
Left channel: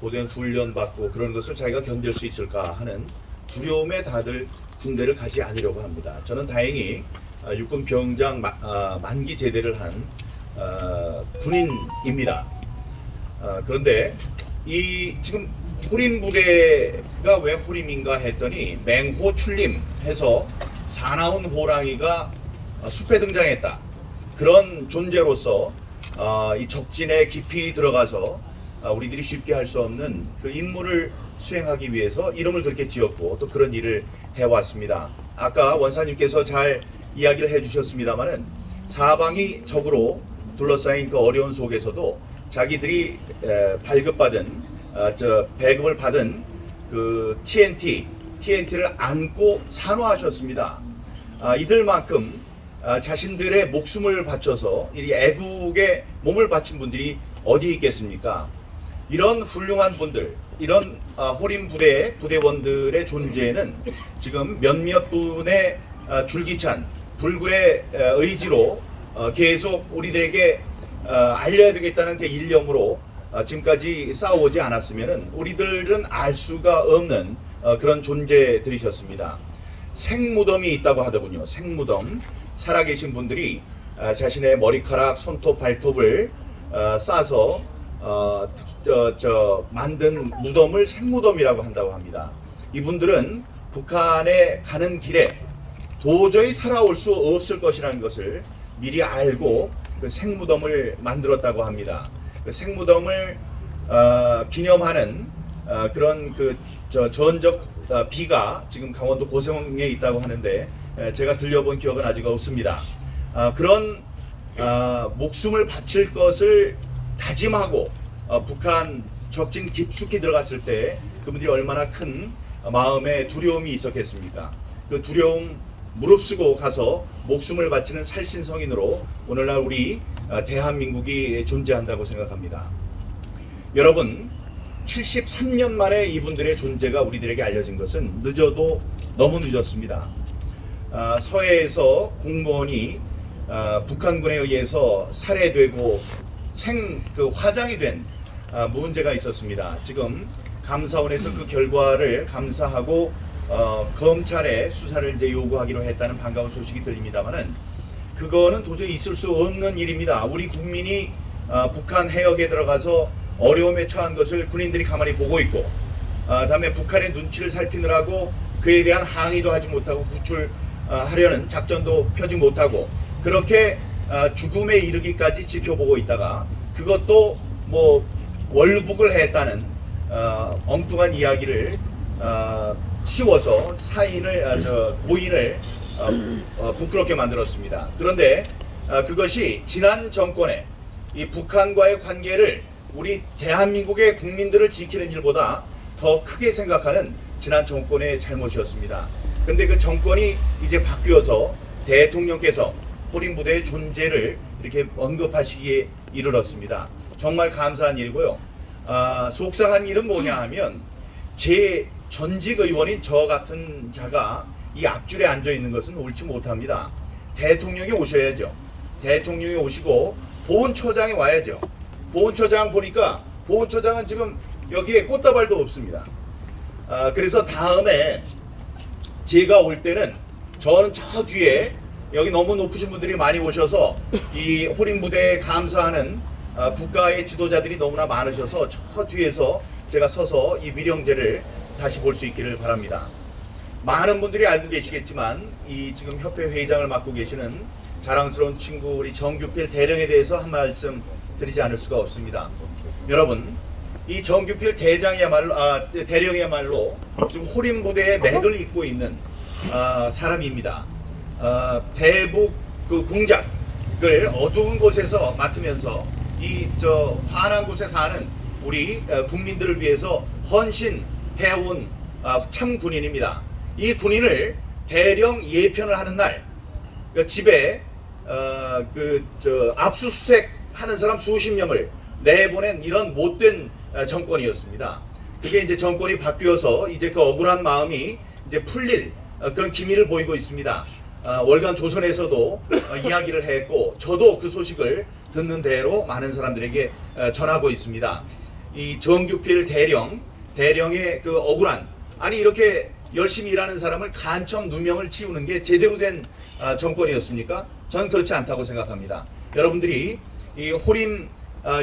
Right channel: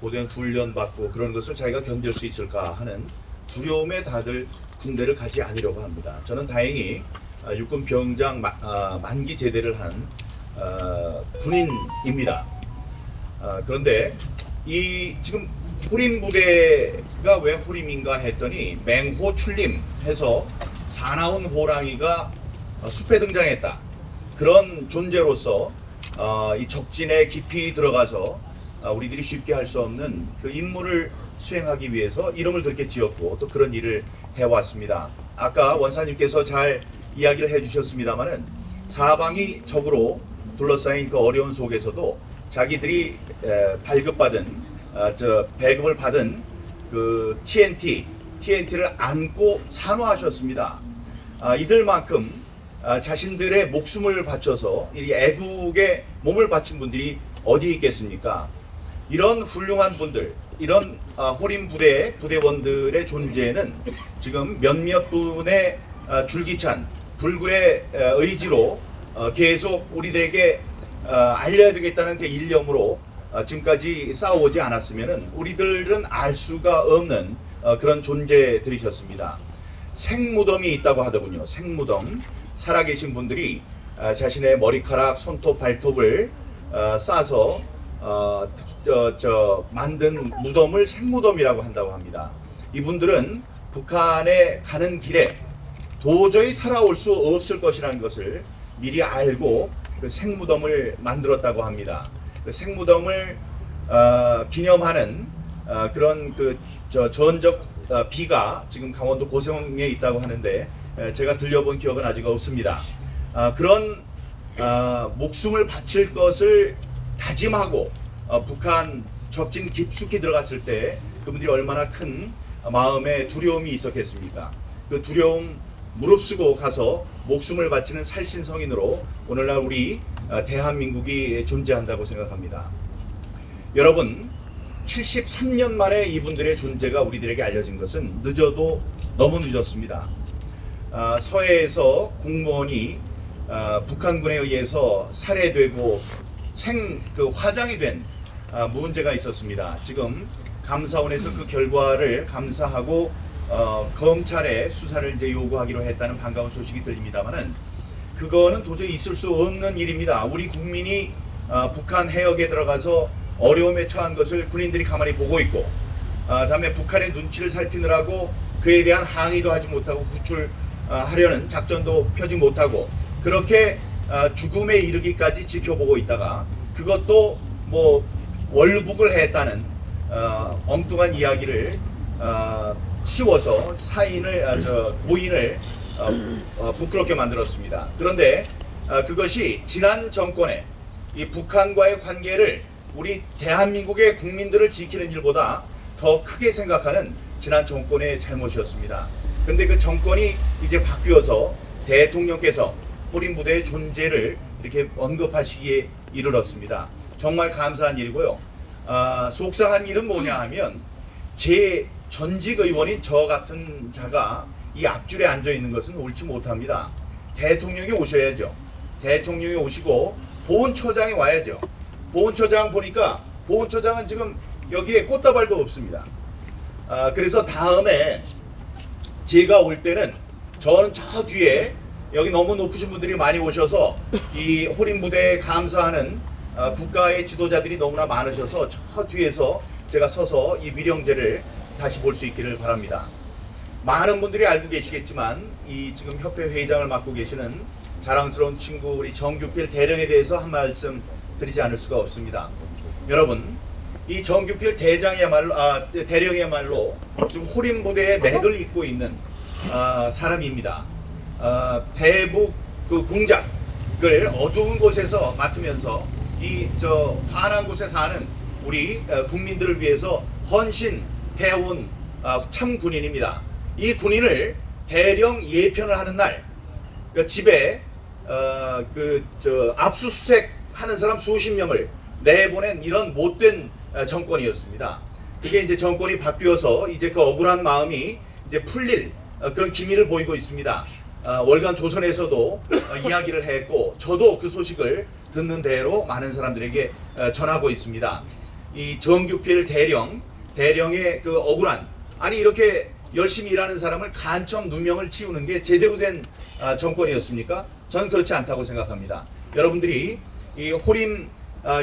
고된 훈련 받고 그런 것을 자기가 견딜 수 있을까 하는 두려움에 다들 군대를 가지 않으려고 합니다. 저는 다행히 육군 병장 만기 제대를 한 군인입니다. 그런데 이 지금 호림 부대가 왜 호림인가 했더니 맹호 출림해서 사나운 호랑이가 숲에 등장했다. 그런 존재로서 이 적진에 깊이 들어가서 우리들이 쉽게 할 수 없는 그 임무를 수행하기 위해서 이름을 그렇게 지었고 또 그런 일을 해왔습니다. 아까 원사님께서 잘 이야기를 해주셨습니다마는 사방이 적으로 둘러싸인 그 어려운 속에서도 자기들이 발급받은 배급을 받은 그 TNT를 안고 산호하셨습니다. 이들만큼 자신들의 목숨을 바쳐서 이 애국에 몸을 바친 분들이 어디 있겠습니까? 이런 훌륭한 분들, 이런 호림 부대의 부대원들의 존재는 지금 몇몇 분의 줄기찬 불굴의 의지로 계속 우리들에게 알려야 되겠다는 그 일념으로 지금까지 싸워오지 않았으면 우리들은 알 수가 없는 그런 존재들이셨습니다. 생무덤이 있다고 하더군요. 생무덤. 살아계신 분들이 자신의 머리카락, 손톱, 발톱을 싸서 만든 무덤을 생무덤이라고 한다고 합니다. 이분들은 북한에 가는 길에 도저히 살아올 수 없을 것이라는 것을 미리 알고 그 생무덤을 만들었다고 합니다. 그 생무덤을 기념하는 그런 그 전적 비가 지금 강원도 고성에 있다고 하는데 제가 들려본 기억은 아직 없습니다. 그런 목숨을 바칠 것을 다짐하고 북한 적진 깊숙이 들어갔을 때 그분들이 얼마나 큰 마음의 두려움이 있었겠습니까? 그 두려움 무릅쓰고 가서 목숨을 바치는 살신성인으로 오늘날 우리 대한민국이 존재한다고 생각합니다. 여러분, 73년 만에 이분들의 존재가 우리들에게 알려진 것은 늦어도 너무 늦었습니다. 서해에서 공무원이 북한군에 의해서 살해되고 화장이 된 문제가 있었습니다. 지금 감사원에서 그 결과를 감사하고 검찰에 수사를 이제 요구하기로 했다는 반가운 소식이 들립니다만은 그거는 도저히 있을 수 없는 일입니다. 우리 국민이 북한 해역에 들어가서 어려움에 처한 것을 군인들이 가만히 보고 있고 다음에 북한의 눈치를 살피느라고 그에 대한 항의도 하지 못하고 구출하려는 작전도 펴지 못하고 그렇게 죽음에 이르기까지 지켜보고 있다가 그것도 뭐 월북을 했다는 엉뚱한 이야기를 씌워서 고인을 부끄럽게 만들었습니다. 그런데 그것이 지난 정권의 이 북한과의 관계를 우리 대한민국의 국민들을 지키는 일보다 더 크게 생각하는 지난 정권의 잘못이었습니다. 그런데 그 정권이 이제 바뀌어서 대통령께서 호림 부대의 존재를 이렇게 언급하시기에 이르렀습니다. 정말 감사한 일이고요. 속상한 일은 뭐냐 하면 제 전직 의원인 저 같은 자가 이 앞줄에 앉아 있는 것은 옳지 못합니다. 대통령이 오셔야죠. 대통령이 오시고 보훈처장이 와야죠. 보훈처장 보니까 보훈처장은 지금 여기에 꽃다발도 없습니다. 그래서 다음에 제가 올 때는 저는 저 뒤에 여기 너무 높으신 분들이 많이 오셔서 이 호림 부대에 감사하는 국가의 지도자들이 너무나 많으셔서 저 뒤에서 제가 서서 이 미령제를 다시 볼 수 있기를 바랍니다. 많은 분들이 알고 계시겠지만 이 지금 협회 회장을 맡고 계시는 자랑스러운 친구 우리 정규필 대령에 대해서 한 말씀 드리지 않을 수가 없습니다. 여러분, 이 정규필 대령이야말로 지금 호림 부대의 맥을 잇고 있는 사람입니다. 대북 그 공작을 어두운 곳에서 맡으면서 이 환한 곳에 사는 우리 국민들을 위해서 헌신해온 참 군인입니다. 이 군인을 대령 예편을 하는 날 집에 압수수색 하는 사람 수십 명을 내보낸 이런 못된 정권이었습니다. 그게 이제 정권이 바뀌어서 이제 그 억울한 마음이 이제 풀릴 그런 기미를 보이고 있습니다. 월간 조선에서도 이야기를 했고 저도 그 소식을 듣는 대로 많은 사람들에게 전하고 있습니다. 이 정규필 대령의 그 억울한, 아니 이렇게 열심히 일하는 사람을 간첩 누명을 치우는 게 제대로 된 정권이었습니까? 저는 그렇지 않다고 생각합니다. 여러분들이 이 호림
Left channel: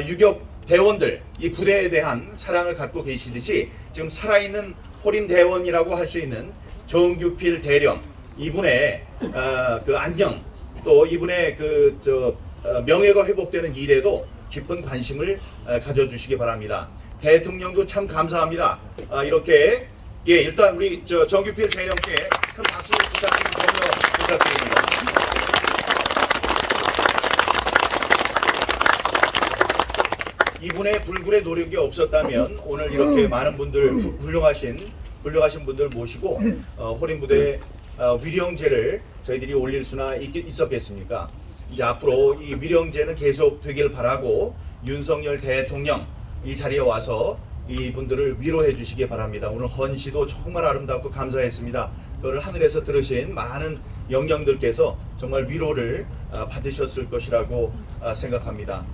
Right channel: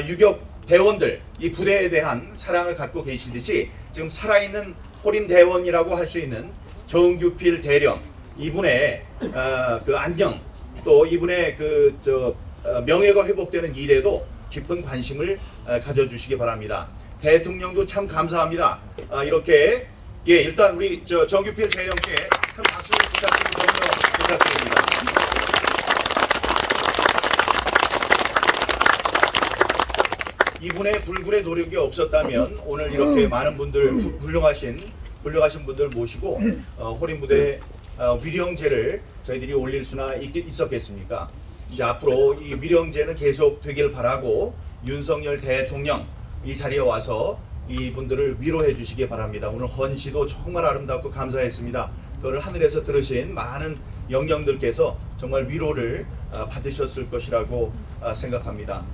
유격 대원들, 이 부대에 대한 사랑을 갖고 계시듯이 지금 살아있는 호림 대원이라고 할 수 있는 정규필 대령, 이분의 그 안녕, 또 이분의 명예가 회복되는 일에도 깊은 관심을 가져주시기 바랍니다. 대통령도 참 감사합니다. 이렇게 일단 우리 정규필 대령께 큰 박수를 부탁드립니다. 이분의 불굴의 노력이 없었다면 오늘 이렇게 많은 분들, 훌륭하신 분들 모시고 호림 부대 위령제를 저희들이 올릴 수나 있었겠습니까? 이제 앞으로 이 위령제는 계속 되길 바라고 윤석열 대통령 이 자리에 와서 이분들을 위로해 주시기 바랍니다. 오늘 헌시도 정말 아름답고 감사했습니다. 그걸 하늘에서 들으신 많은 영령들께서 정말 위로를 받으셨을 것이라고 생각합니다.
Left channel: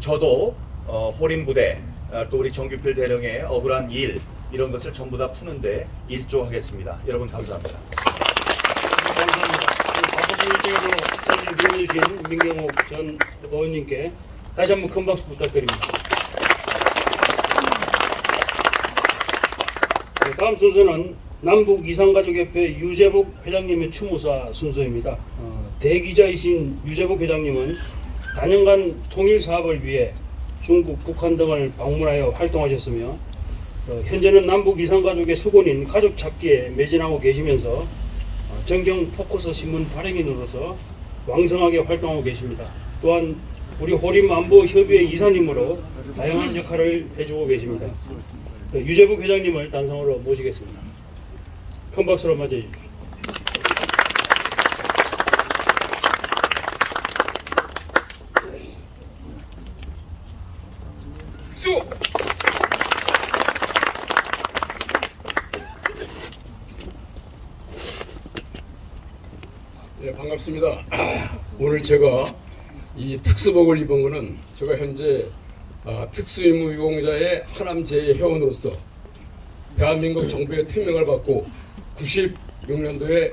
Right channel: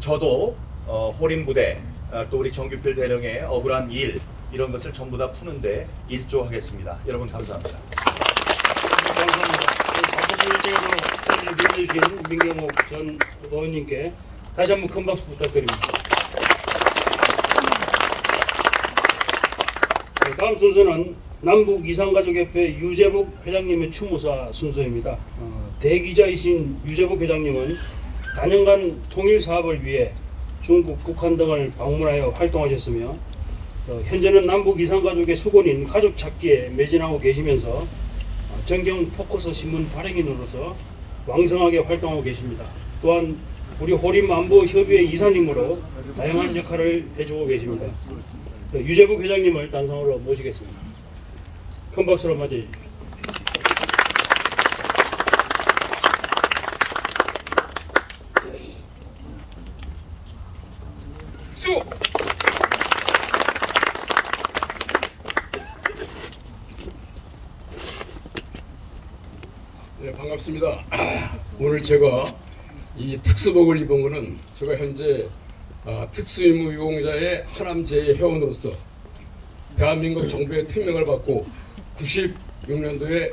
저도 호림 부대, 또 우리 정규필 대령의 억울한 일, 이런 것을 전부 다 푸는데 일조하겠습니다. 여러분 감사합니다. 감사합니다. 주신 민경욱 전 의원님께 다시 한번 큰 박수 부탁드립니다. 다음 순서는 남북 이산가족협회 유재복 회장님의 추모사 순서입니다. 대기자이신 유재복 회장님은 단연간 통일 사업을 위해 중국, 북한 등을 방문하여 활동하셨으며 현재는 남북 이산가족의 수건인 가족 찾기에 매진하고 계시면서 정경 포커스 신문 발행인으로서 왕성하게 활동하고 계십니다. 또한 우리 호림 안보 협의회 이사님으로 다양한 역할을 해주고 계십니다. 유재복 회장님을 단상으로 모시겠습니다. 큰 박수로 맞이해주십시오. 네, 반갑습니다. 오늘 제가 이 특수복을 입은 것은 제가 현재 특수임무 유공자의 하남제의 회원으로서 대한민국 정부의 특명을 받고 96년도에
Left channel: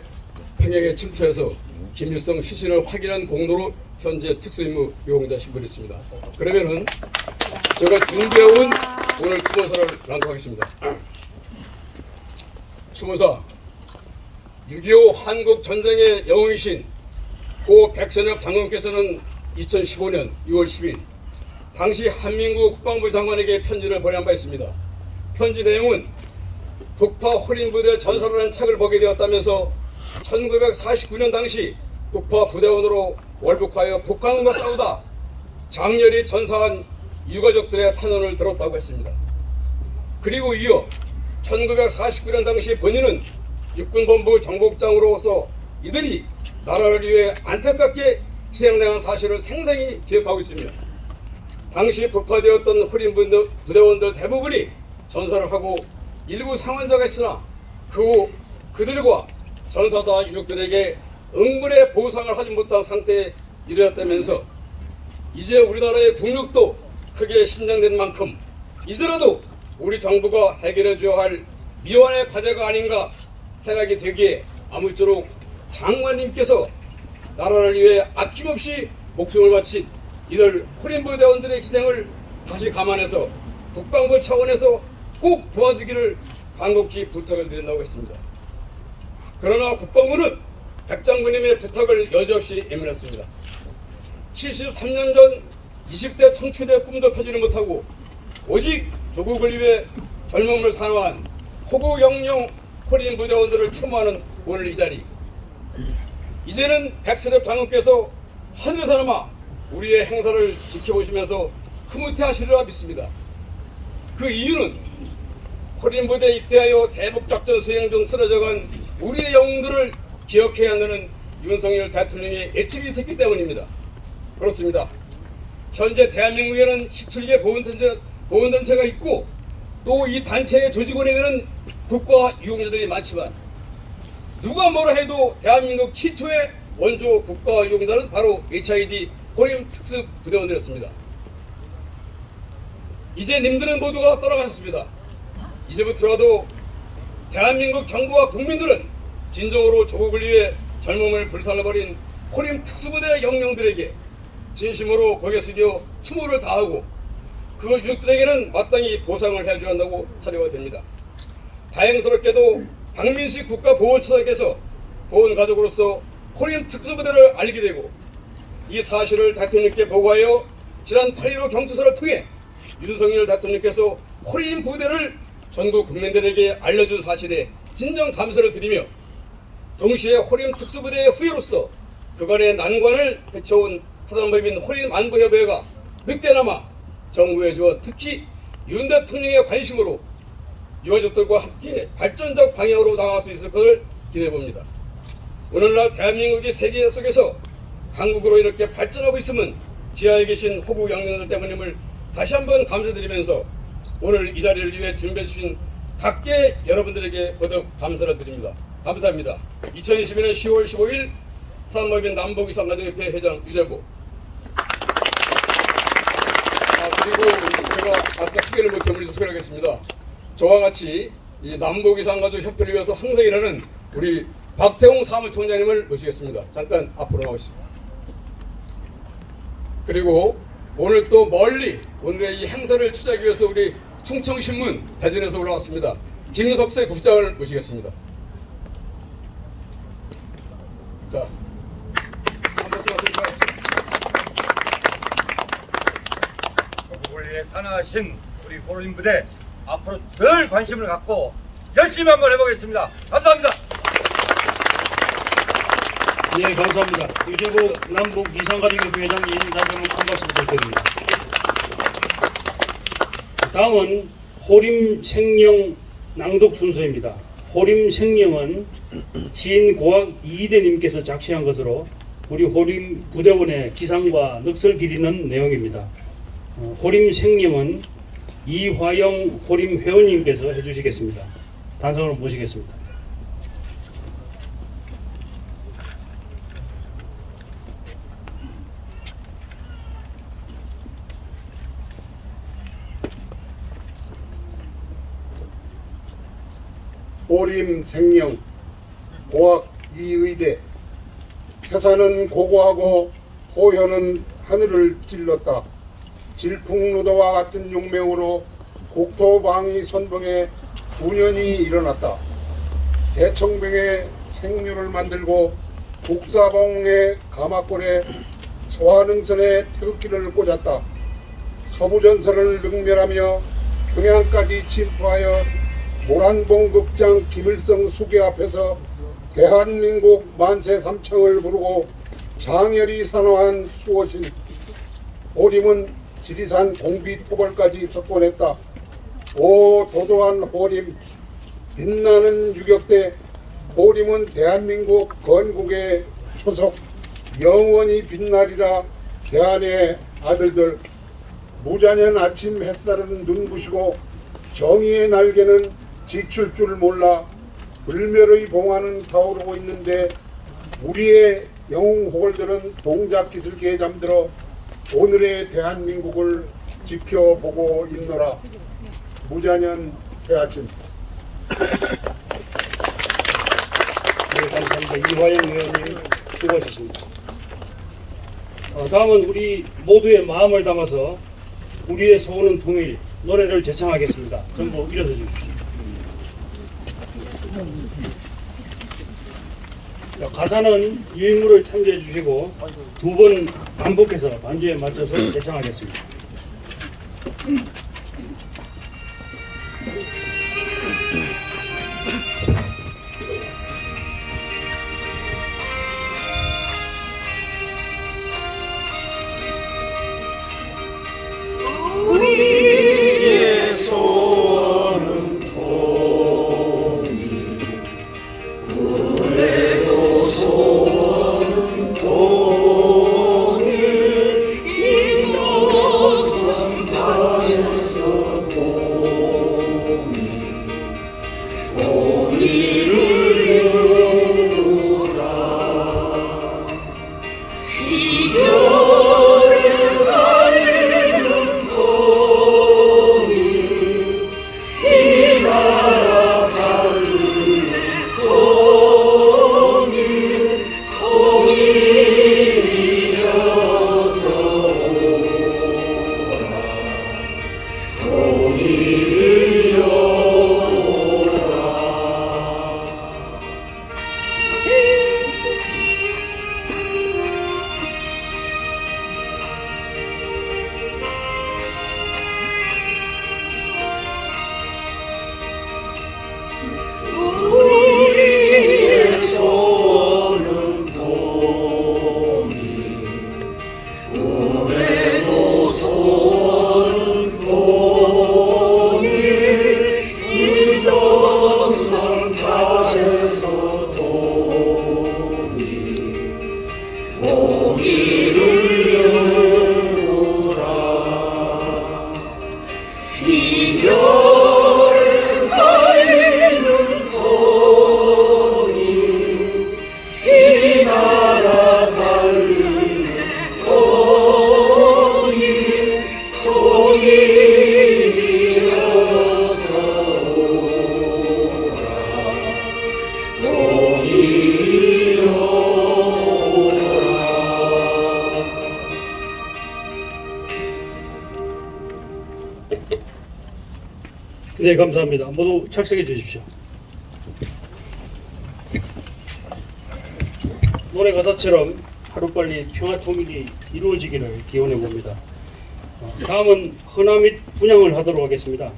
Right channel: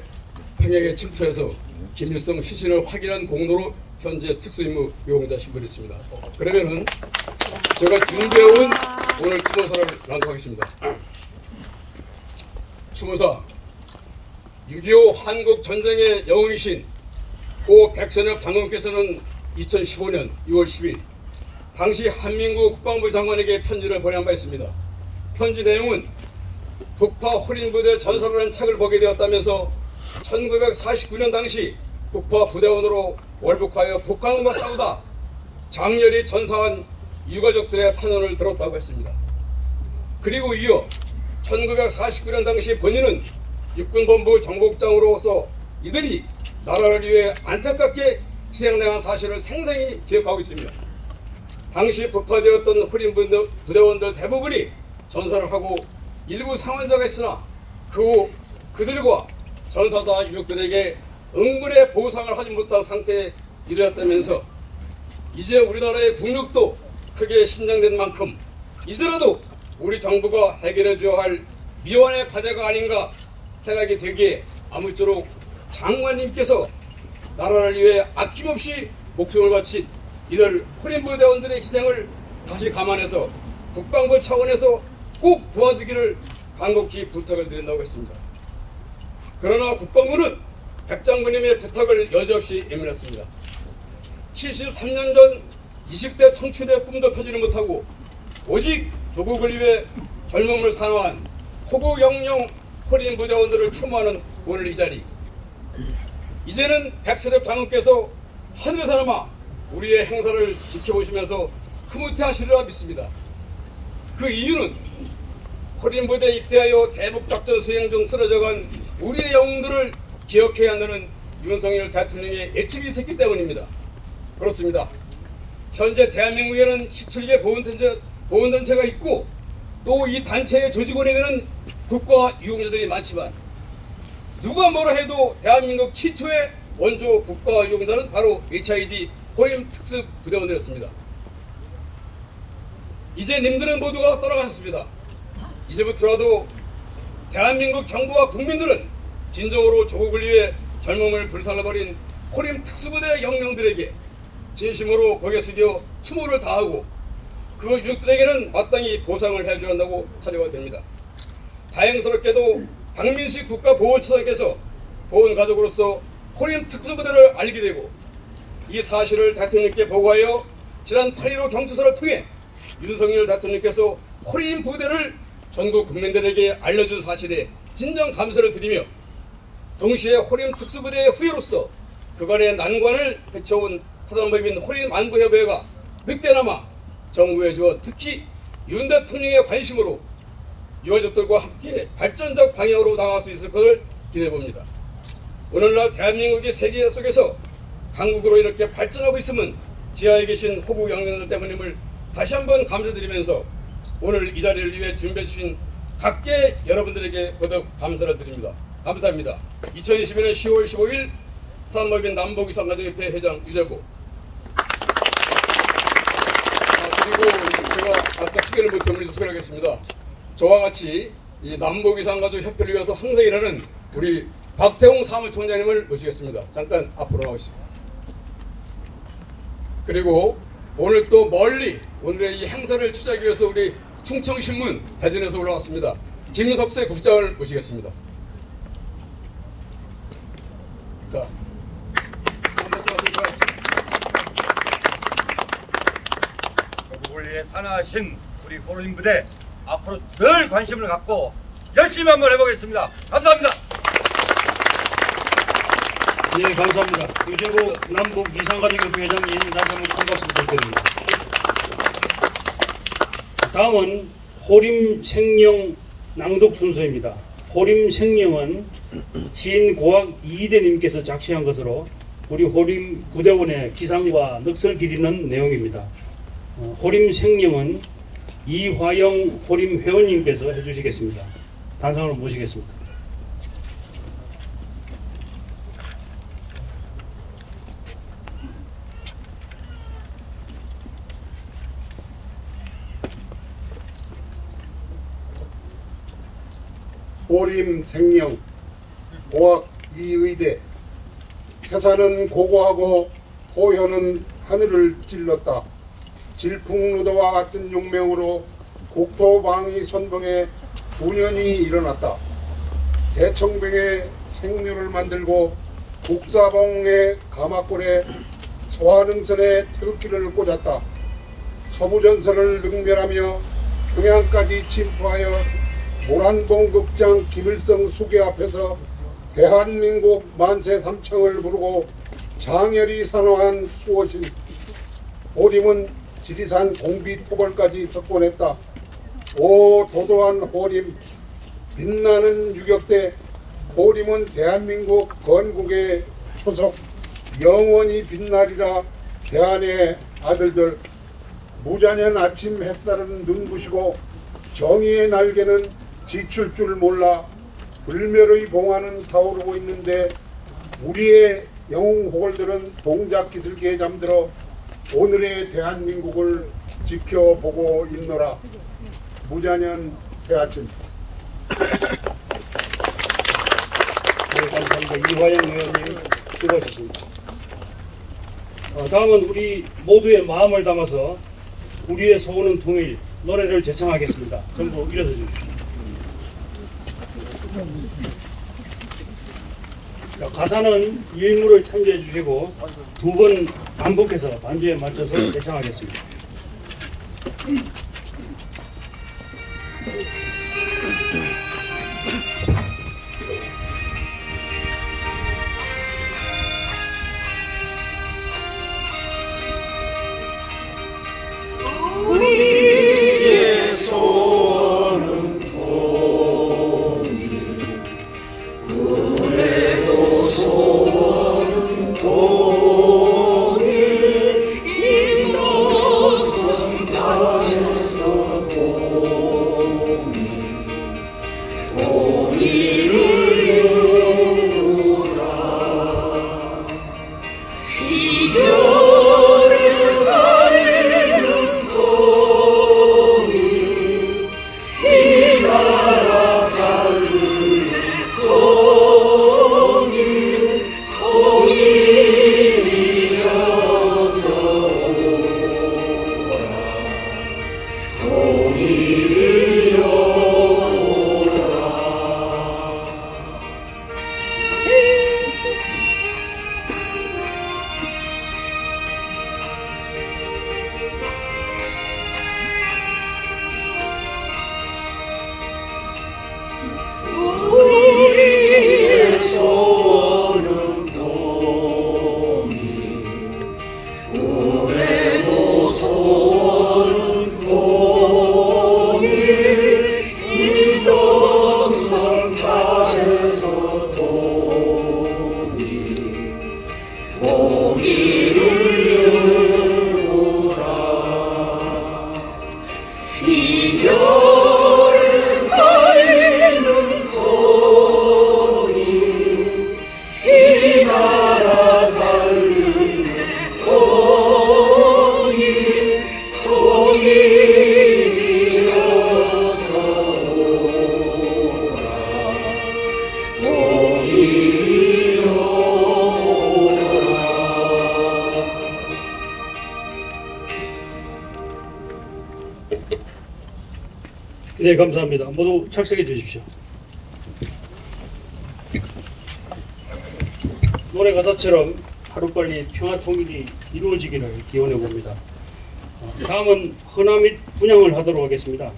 평양에 침투해서 김일성 시신을 확인한 공로로 현재 특수임무 유공자 신분했습니다. 그러면은 제가 준비해온 오늘 추모사를 낭독하겠습니다. 추모사 6.25 한국 전쟁의 영웅이신 고 백선엽 장군께서는 2015년 6월 10일 당시 한민국 국방부 장관에게 편지를 보낸 바 있습니다. 편지 내용은 북파 호림부대 전사를 한 책을 보게 되었다면서 1949년 당시 북파 부대원으로 월북하여 북한과 싸우다 장렬히 전사한 유가족들의 탄원을 들었다고 했습니다. 그리고 이어 1949년 당시 본인은 육군본부 정복장으로서 이들이 나라를 위해 안타깝게 희생당한 사실을 생생히 기억하고 있습니다. 당시 북파되었던 호림 부대원들 대부분이 전사를 하고 일부 상환자가 있으나 그 후 그들과 전사자 유족들에게 응분의 보상을 하지 못한 상태에 이르렀다면서 이제 우리나라의 국력도 크게 신장된 만큼 이제라도 우리 정부가 해결해 줘야 할 미완의 과제가 아닌가 생각이 되기에 아무쪼록 장관님께서 나라를 위해 아낌없이 목숨을 바친 이들 호림부대원들의 희생을 다시 감안해서 국방부 차원에서 꼭 도와주기를 간곡히 부탁을 드린다고 했습니다. 그러나 국방부는 백 장군님의 부탁을 여지없이 예민했습니다. 73년 전 20대 청춘의 꿈도 펴지를 못하고 오직 조국을 위해 젊음을 사랑한 호국영령 호린 부대원들을 추모하는 오늘 이 자리. 이제는 백선엽 장군께서 하늘에서나마 우리의 행사를 지켜보시면서 흐뭇해하시리라 믿습니다. 그 이유는 호린 부대에 입대하여 대북작전 수행 등 쓰러져간 우리의 영웅들을 기억해야 한다는 윤석열 대통령의 애침이 있었기 때문입니다. 그렇습니다. 현재 대한민국에는 17개 보훈단체가 있고 또 이 단체의 조직원에게는 국가 유공자들이 많지만 누가 뭐라 해도 대한민국 최초의 원조 국가 유공자는 바로 HID 호림 특수 부대원들이었습니다. 이제 님들은 모두가 떠나가셨습니다. 이제부터라도 대한민국 정부와 국민들은 진정으로 조국을 위해 젊음을 불살라버린 호림 특수부대 영령들에게 진심으로 고개 숙여 추모를 다하고 그 유족들에게는 마땅히 보상을 해줘야 한다고 사료가 됩니다. 다행스럽게도 박민식 국가보훈처장께서 보훈가족으로서 호림 특수부대를 알게 되고 이 사실을 대통령께 보고하여 지난 8.15 경추사를 통해 윤석열 대통령께서 호림 부대를 전국 국민들에게 알려준 사실에 진정 감사를 드리며 동시에 호림 특수부대의 후예로서 그간의 난관을 헤쳐온 사단법인 호림 안보협의회가 늦게나마 정부의 주어 특히 윤 대통령의 관심으로 유가족들과 함께 발전적 방향으로 나아갈 수 있을 것을 기대해봅니다. 오늘날 대한민국이 세계 속에서 강국으로 이렇게 발전하고 있음은 지하에 계신 호국 영령들 때문임을 다시 한번 감사드리면서 오늘 이 자리를 위해 준비해 주신 각계 여러분들에게 거듭 감사를 드립니다. 감사합니다. 2022년 10월 15일 사단법인 남북이산가족협회 회장 유재복. 그리고 제가 아까 소개를 못해 우리 소개하겠습니다. 저와 같이 이 남북이산가족협회를 위해서 항상 일하는 우리 박태홍 사무총장님을 모시겠습니다. 잠깐 앞으로 나오시죠. 그리고 오늘 또 멀리 오늘의 이 행사를 취재하기 위해서 우리 충청신문 대전에서 올라왔습니다. 김석세 국장을 모시겠습니다. 자, 조국을 위해 산하신 우리 호림 부대 앞으로 늘 관심을 갖고 열심히 한번 해보겠습니다. 감사합니다. 네, 감사합니다. 유재복 남북 이산가족협회 회장님 나서는 한 말씀 부탁드립니다. 다음은 호림 생령 낭독 순서입니다. 호림 생령은 시인 고학 이희대님께서 작시한 것으로 우리 호림 부대원의 기상과 넋을 기리는 내용입니다. 호림 생령은 이화영 호림 회원님께서 해주시겠습니다. 단상으로 모시겠습니다. 호림 생령 고학 이의대 태산은 고고하고 호현은 하늘을 찔렀다. 질풍노도와 같은 용맹으로 국토방위 선봉에 분연이 일어났다. 대청병에 생류를 만들고 국사봉의 가마골에 소환응선에 태극기를 꽂았다. 서부전선을 능멸하며 평양까지 침투하여 모란봉 극장 김일성 수계 앞에서 대한민국 만세 삼창을 부르고 장렬히 산화한 수호신 호림은 지리산 공비토벌까지 석권했다. 오 도도한 호림, 빛나는 유격대 호림은 대한민국 건국의 초석, 영원히 빛나리라. 대한의 아들들, 무자년 아침 햇살은 눈부시고 정의의 날개는 지칠 줄 몰라 불멸의 봉화는 타오르고 있는데 우리의 영웅 호걸들은 동작 기술기에 잠들어 오늘의 대한민국을 지켜보고 있노라. 무자년 새아침. 네, 감사합니다. 이화영 의원님 수고하셨습니다. 다음은 우리 모두의 마음을 담아서 우리의 소원은 통일 노래를 제창하겠습니다. 전부 일어서 주십시오. 자, 가사는 유인물을 참조해 주시고 두 번 반복해서 반주에 맞춰서 제창하겠습니다. 네, 감사합니다. 모두 착석해 주십시오. 노래 가사처럼 하루빨리 평화 통일이 이루어지기를 기원해 봅니다. 다음은 헌화 및 분향을 하도록 하겠습니다.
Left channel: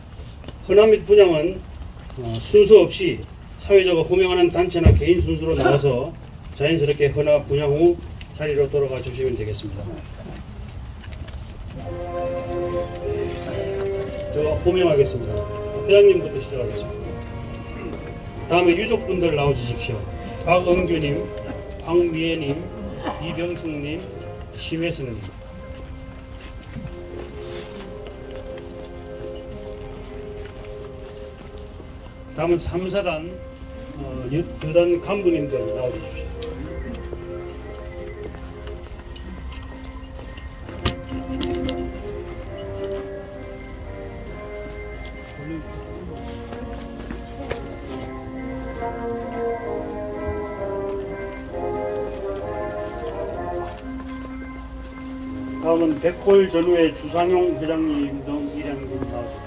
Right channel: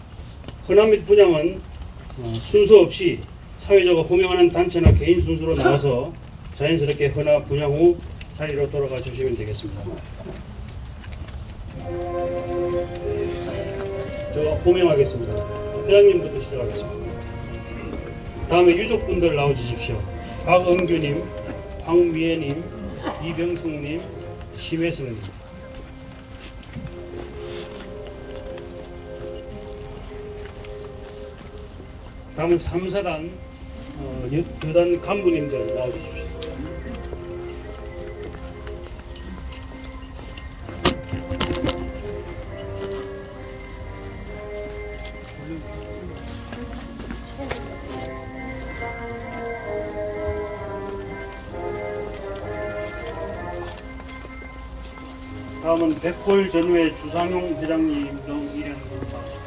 헌화 및 분향은 순서 없이 사회자가 호명하는 단체나 개인 순서로 나와서 자연스럽게 헌화 분향 후 자리로 돌아가 주시면 되겠습니다. 제가 호명하겠습니다. 회장님부터 시작하겠습니다. 다음에 유족분들 나와주십시오. 박응주님, 황미애님, 이병숙님, 심혜승님. 다음은 3사단 유단 간부님들 나와주십시오. 다음은 백골 전후의 주상용 회장님 등 일행분 나와주십시오.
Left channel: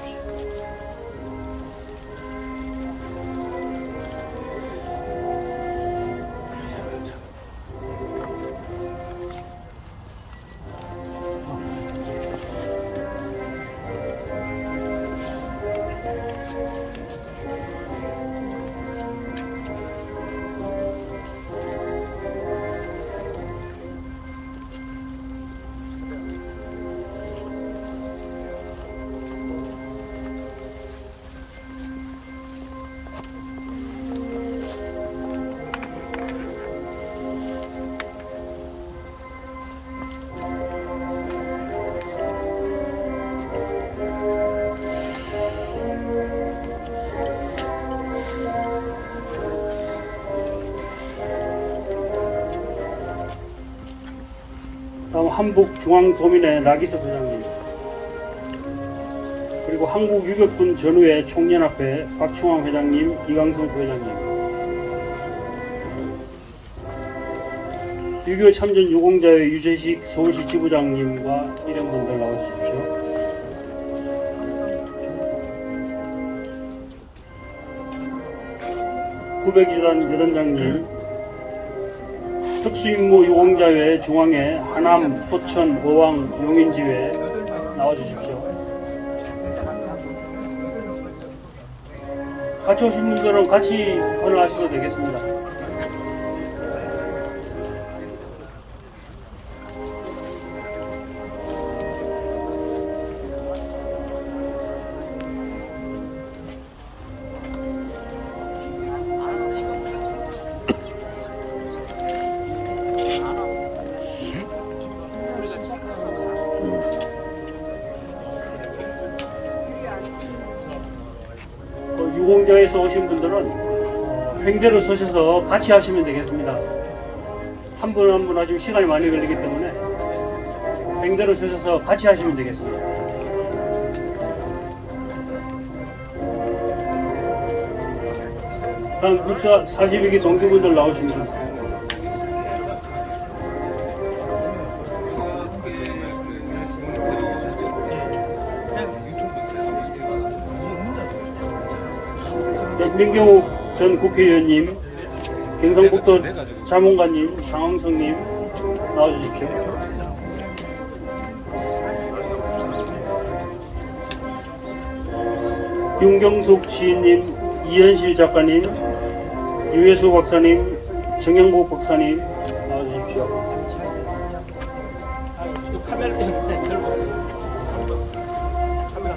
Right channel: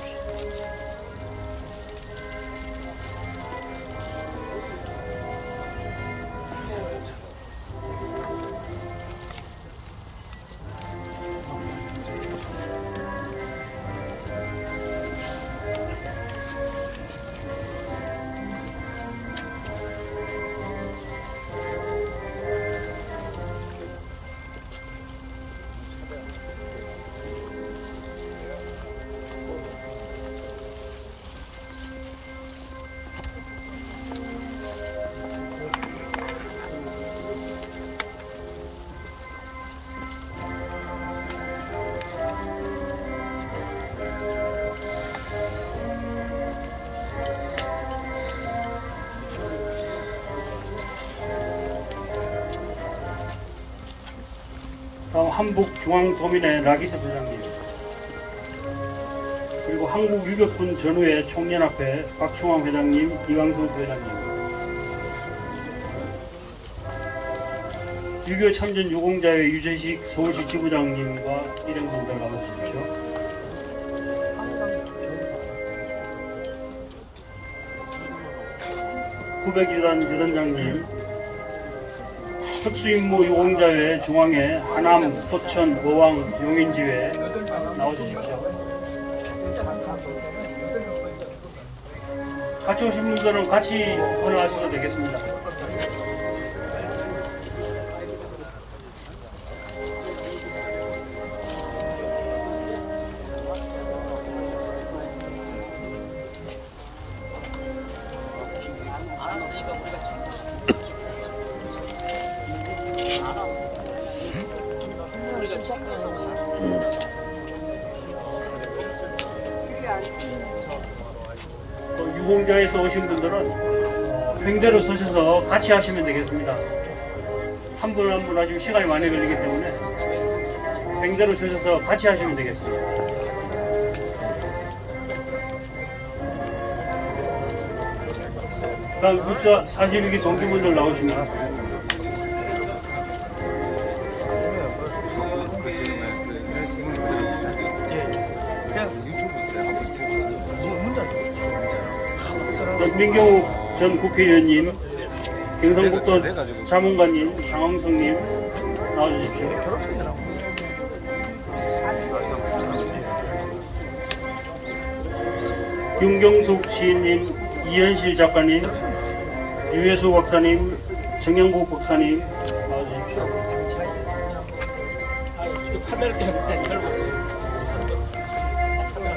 다음 한북중앙도민회 나기세 부장님, 그리고 한국유격군 전후회 총연합회 박충환 회장님, 이강성 부회장님, 유교 참전 유공자회 유재식 서울시 지부장님과 일행분들 나와주십시오. 구백일단 여단장님, 특수임무 유공자회 중앙회 하남, 포천, 의왕, 용인지회 나와주십시오. 같이 오신 분들은 같이 올라가셔도 되겠습니다. 유공자에서 오신 분들은 횡대로 서셔서 같이 하시면 되겠습니다. 한 분 한 분 아주 시간이 많이 걸리기 때문에 횡대로 서셔서 같이 하시면 되겠습니다. 다음 국사 42기 동기분들 나오시면 민경욱 전 국회의원님, 경상북도 자문관님, 장항성님 나와주십시오. 윤경숙 시인님, 이현실 작가님, 유해수 박사님, 정영국 박사님 나와주십시오. 카메라 때문에 결국 카메라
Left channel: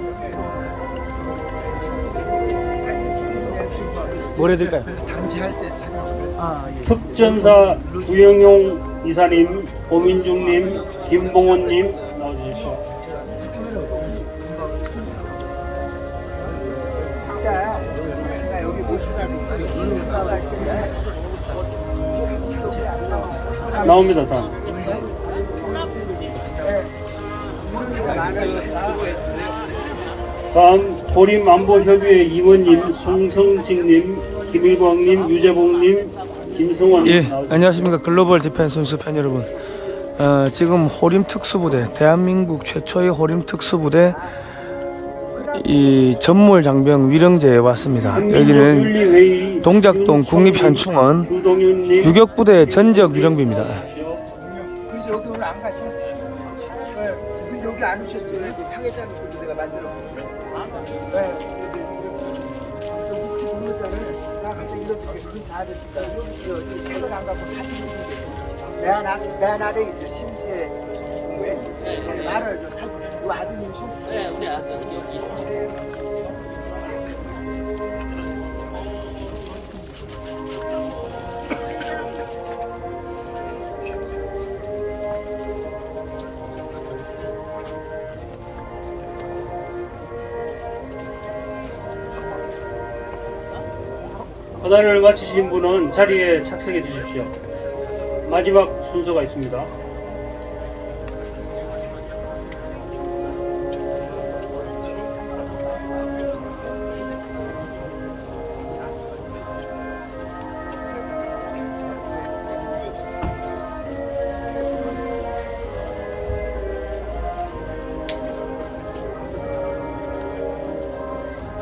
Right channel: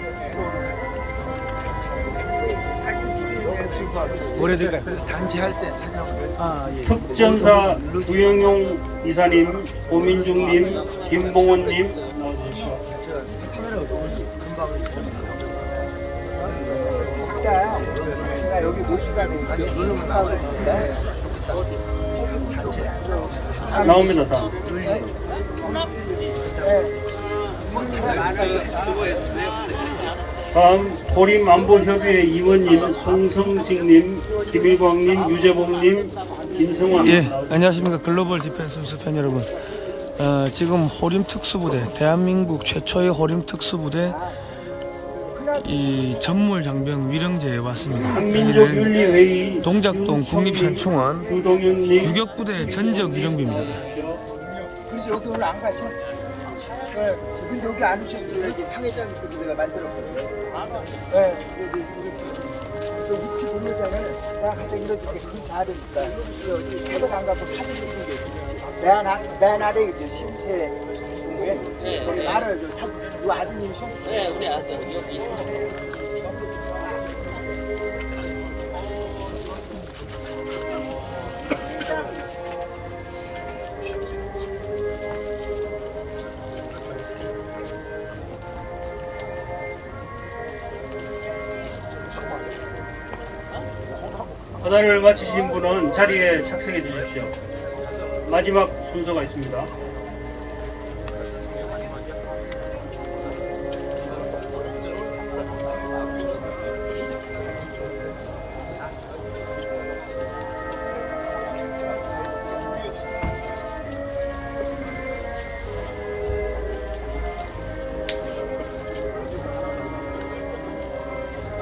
뭐래 될까요? 특전사 구영용 이사님, 고민중님, 김봉훈님 나와주십시오. 나옵니다. 다음 호림안보협의회 이원님, 송성식님, 김일광님, 유재봉님, 김승환. 예, 안녕하십니까. 글로벌 디펜스 뉴스 팬 여러분. 지금 호림 특수부대, 대한민국 최초의 호림 특수부대 이 전몰 장병 위령제에 왔습니다. 여기는 동작동 국립현충원 유격부대 전적 위령비입니다. 그래서 여기 오늘 안 가셔? 여기 안 오셨어요? 여기 상해장에서 내가 만들었거든요. 여기 위치 보내자면 내가 가서 이렇게 큰 잘했다. 여기 책을 안 가고 사진 찍은 게 있어요. 내 아래 이제 심지에 공부에 우리 나를 저 사진, 우리 아드님 심지. 네, 우리 아드님. 허단을 마치신 분은 자리에 착석해 주십시오. 마지막 순서가 있습니다.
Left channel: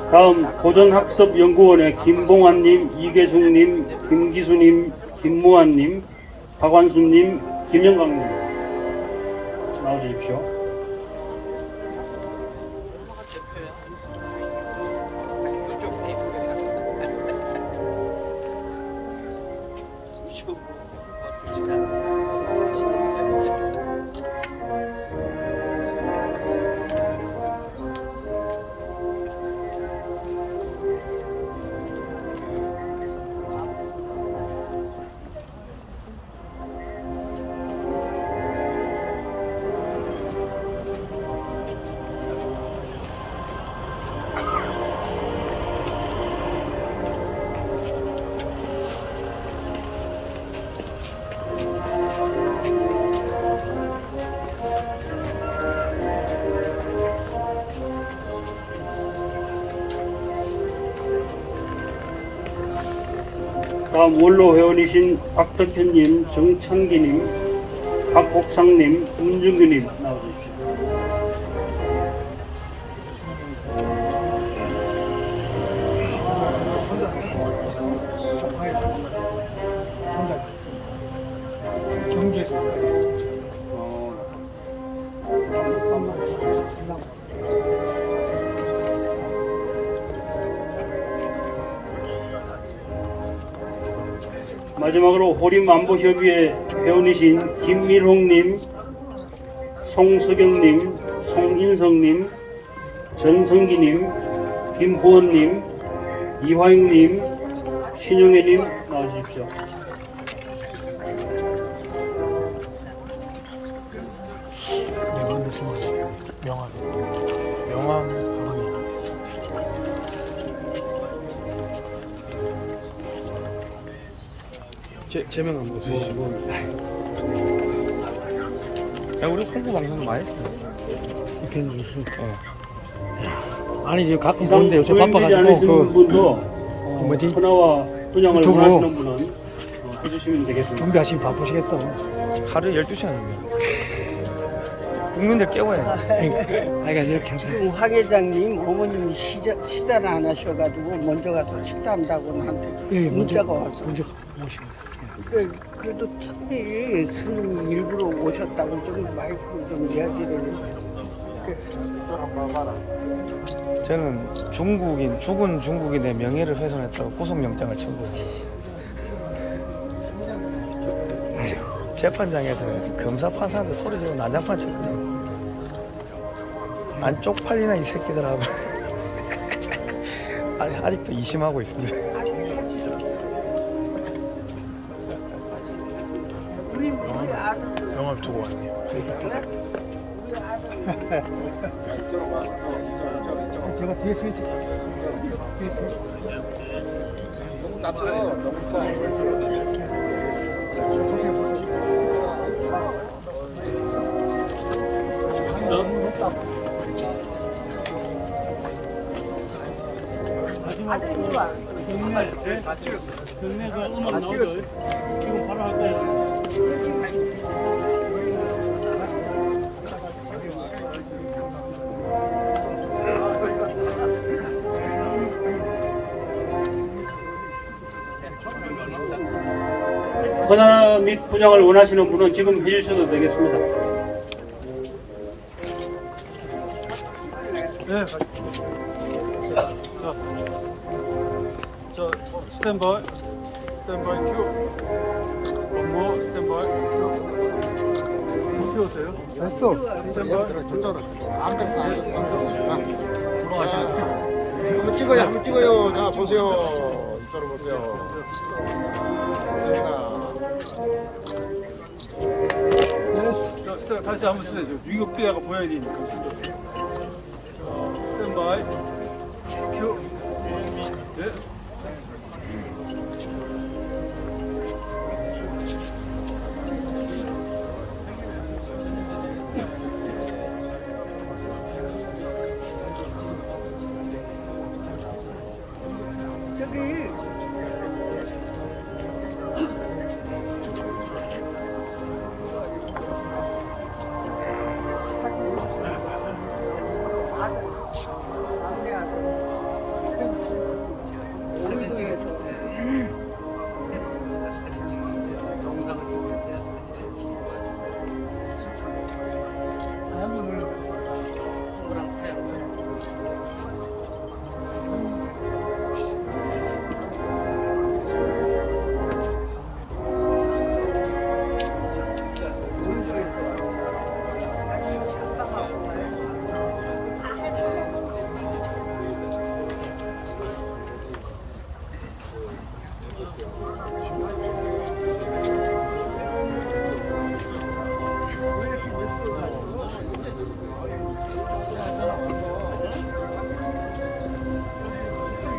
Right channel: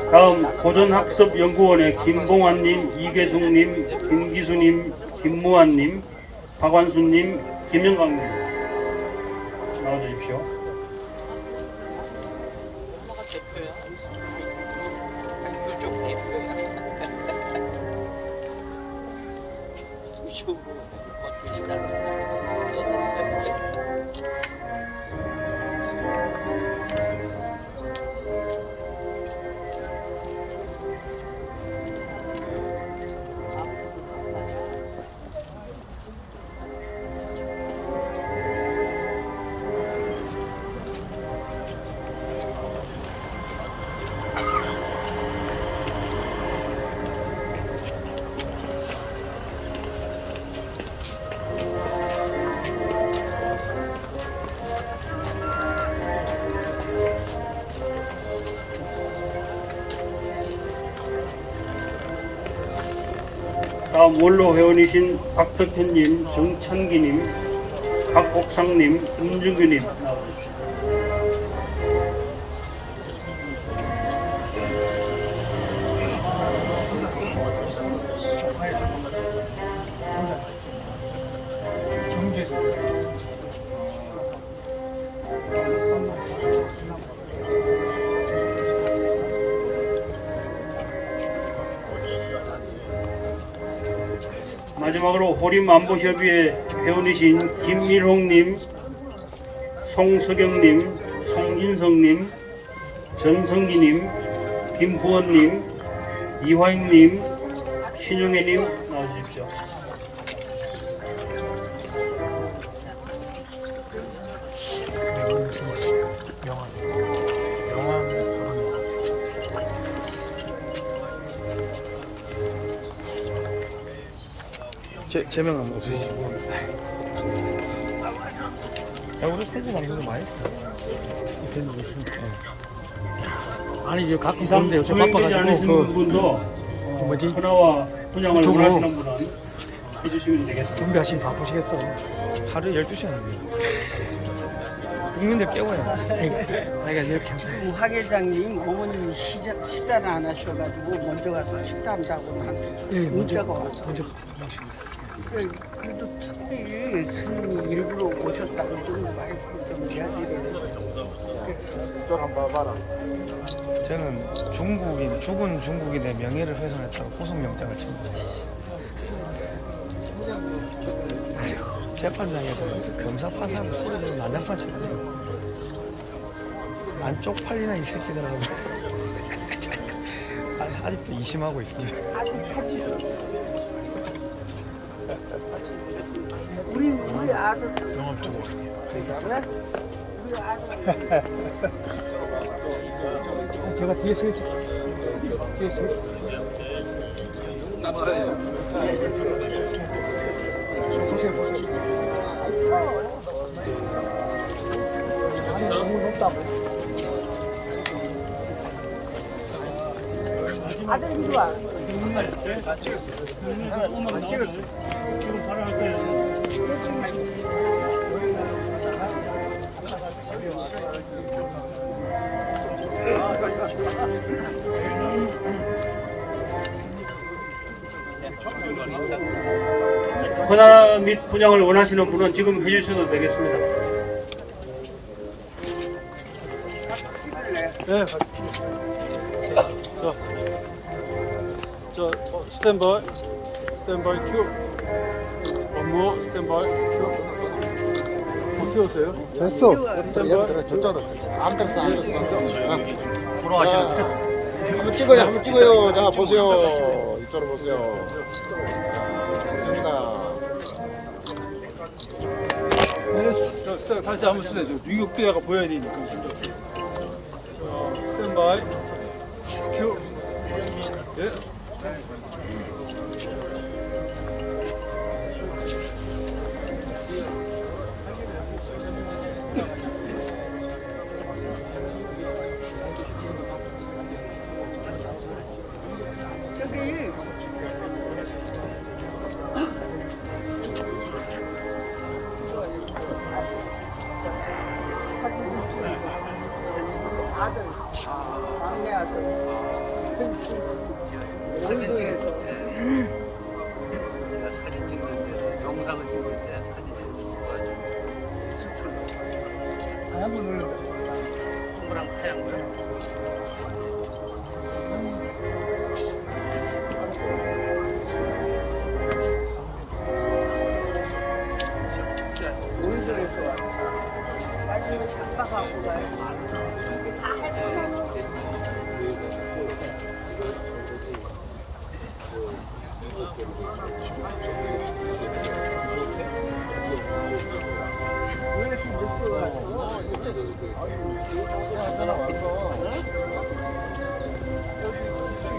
다음 고전학습연구원의 김봉환님, 이계숙님, 김기수님, 김무환님, 박완수님, 김영강님 나와주십시오. 다음 원로 회원이신 박태표님, 정찬기님, 박복상님, 김준규님 나와주십시오. 마지막으로 호림안보협의회 회원이신 김밀홍님, 송석영님, 송인성님, 전성기님, 김부원님, 이화영님, 신용혜님 나와주십시오. 제명 한번 없으시고. 야, 우리 홍보 방송도 많이 했습니다. 이렇게 있습니다. 아니 지금 갖고 이상 있는데 요새 소행되지 않으신 바빠가지고 분도 뭐지? 분화와 분양을 유튜브. 원하시는 분은 해주시면 되겠습니다. 준비하시면 바쁘시겠어. 하루에 12시간입니다. 국민들 깨워야 돼. 그러니까 이렇게 하세요. 하 회장님 어머님 식사를 안 하셔가지고 먼저 가서 식사한다고 나한테 예, 문자가 왔어. 먼저 모시고. 그래도 특별히 스님이 일부러 오셨다고 좀 마이크로 좀 이야기를 해주세요. 저는 죽은 중국인의 명예를 훼손했다고 구속영장을 청구했습니다. 재판장에서 검사 판사한테 소리 지르고 난장판 쳤거든요. 안 쪽팔리나 이 새끼들하고. 아직도 이심하고 있습니다. 영화 두고 제가 뒤에 서 있어요. 뒤에 서 마지막 경례 다 찍었어. 경례가 음악 나오죠. 지금 바로 할 거예요. 헌화 및 분양을 원하시는 분은 지금 해주셔도 되겠습니다. 네. 저 스탠바이 큐. 뭐 스탠바이 큐. 키웠어요? 됐어. 한번 찍어요. 한번 찍어요. 자 보세요. 이쪽으로 보세요. 됐어. 다시 한번 쓰세요. 유격대가 보여야 되니까. 스탠바이 큐. 예. 저기 사진 찍어서 제가 사진 찍을 때, 영상을 찍을 때 사진을 찍어가지고 동그랑 하얀 거요. 진짜 너무 좋았어요. 나중에 잠깐 갖고 가요.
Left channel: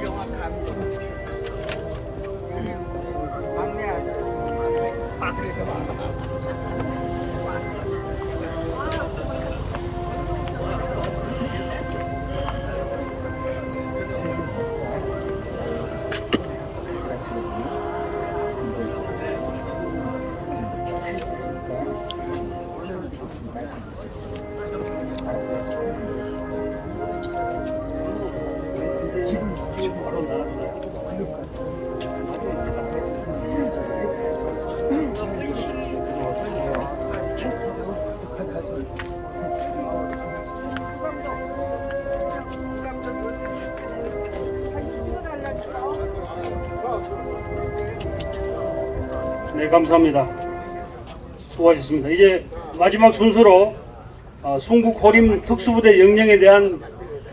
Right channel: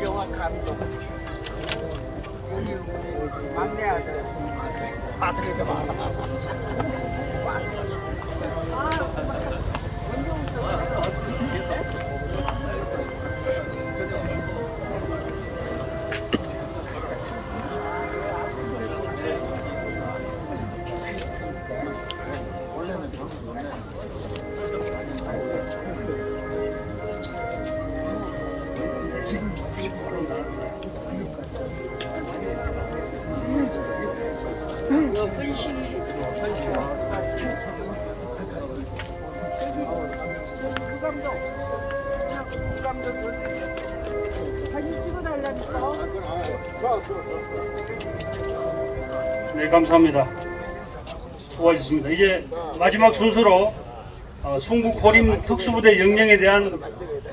영화 감독 막내 아들 아들이 많아. 지금 바로 나가요. 네, 감사합니다. 수고하셨습니다. 이제 마지막 순서로 순국 호림 특수부대 영령에 대한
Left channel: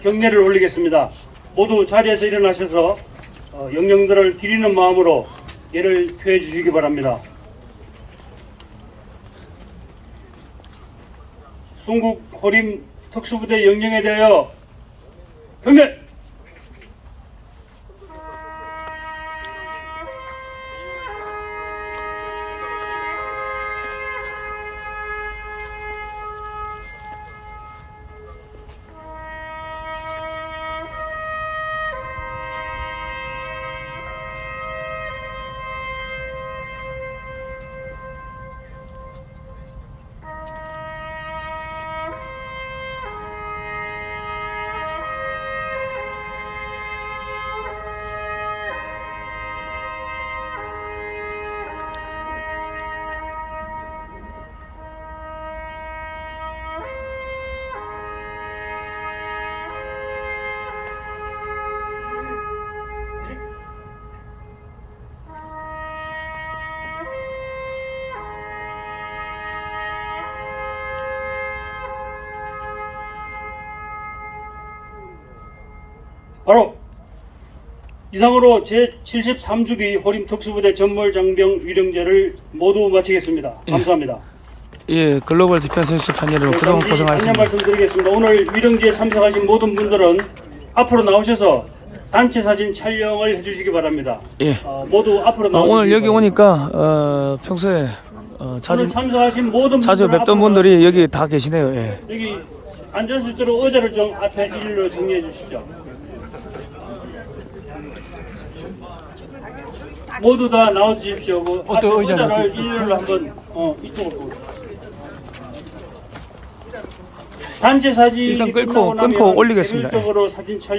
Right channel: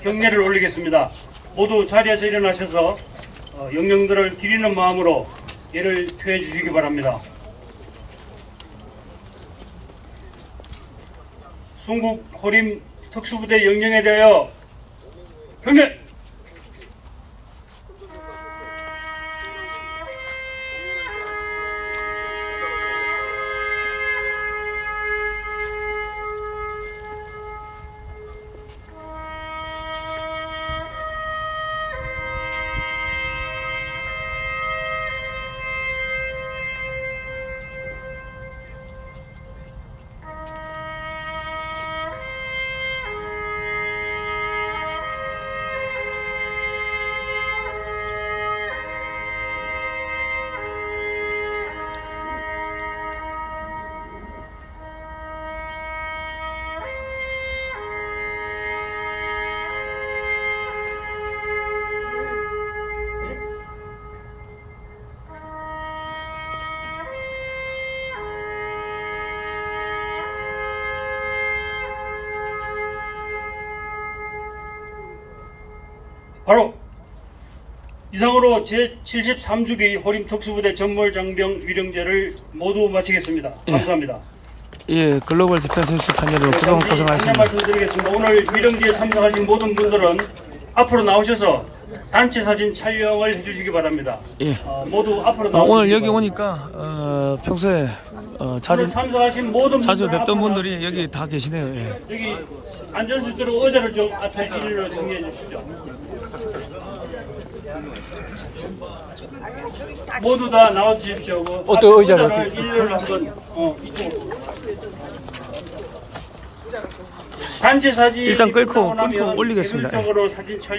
경례를 올리겠습니다. 모두 자리에서 일어나셔서 영령들을 기리는 마음으로 예를 표해 주시기 바랍니다. 순국 호림 특수부대 영령에 대하여 경례! 바로 이상으로 제73주기 호림특수부대 전몰장병 위령제를 모두 마치겠습니다. 감사합니다. 예, 글로벌 디펜스 뉴스 팬 여러분 그동안 고생하셨습니다. 말씀드리겠습니다. 오늘 위령제에 참석하신 모든 분들은 앞으로 나오셔서 단체 사진 촬영을 해주시기 바랍니다. 예. 모두 앞으로 나오시기 오늘 여기 바랍니다. 오니까 평소에 자주 오늘 참석하신 모든 자주 분들 뵙던 앞으로 분들이 여기 다 계시네요. 예. 여기 앉을 수 있도록 의자를 좀 앞에 일로 정리해 주시죠. 모두 다 나와 주십시오. 어떤 의자를 일렬로 한번 이쪽으로. 단체 사진 일단 끊고 올리겠습니다. 예. 사진 촬영.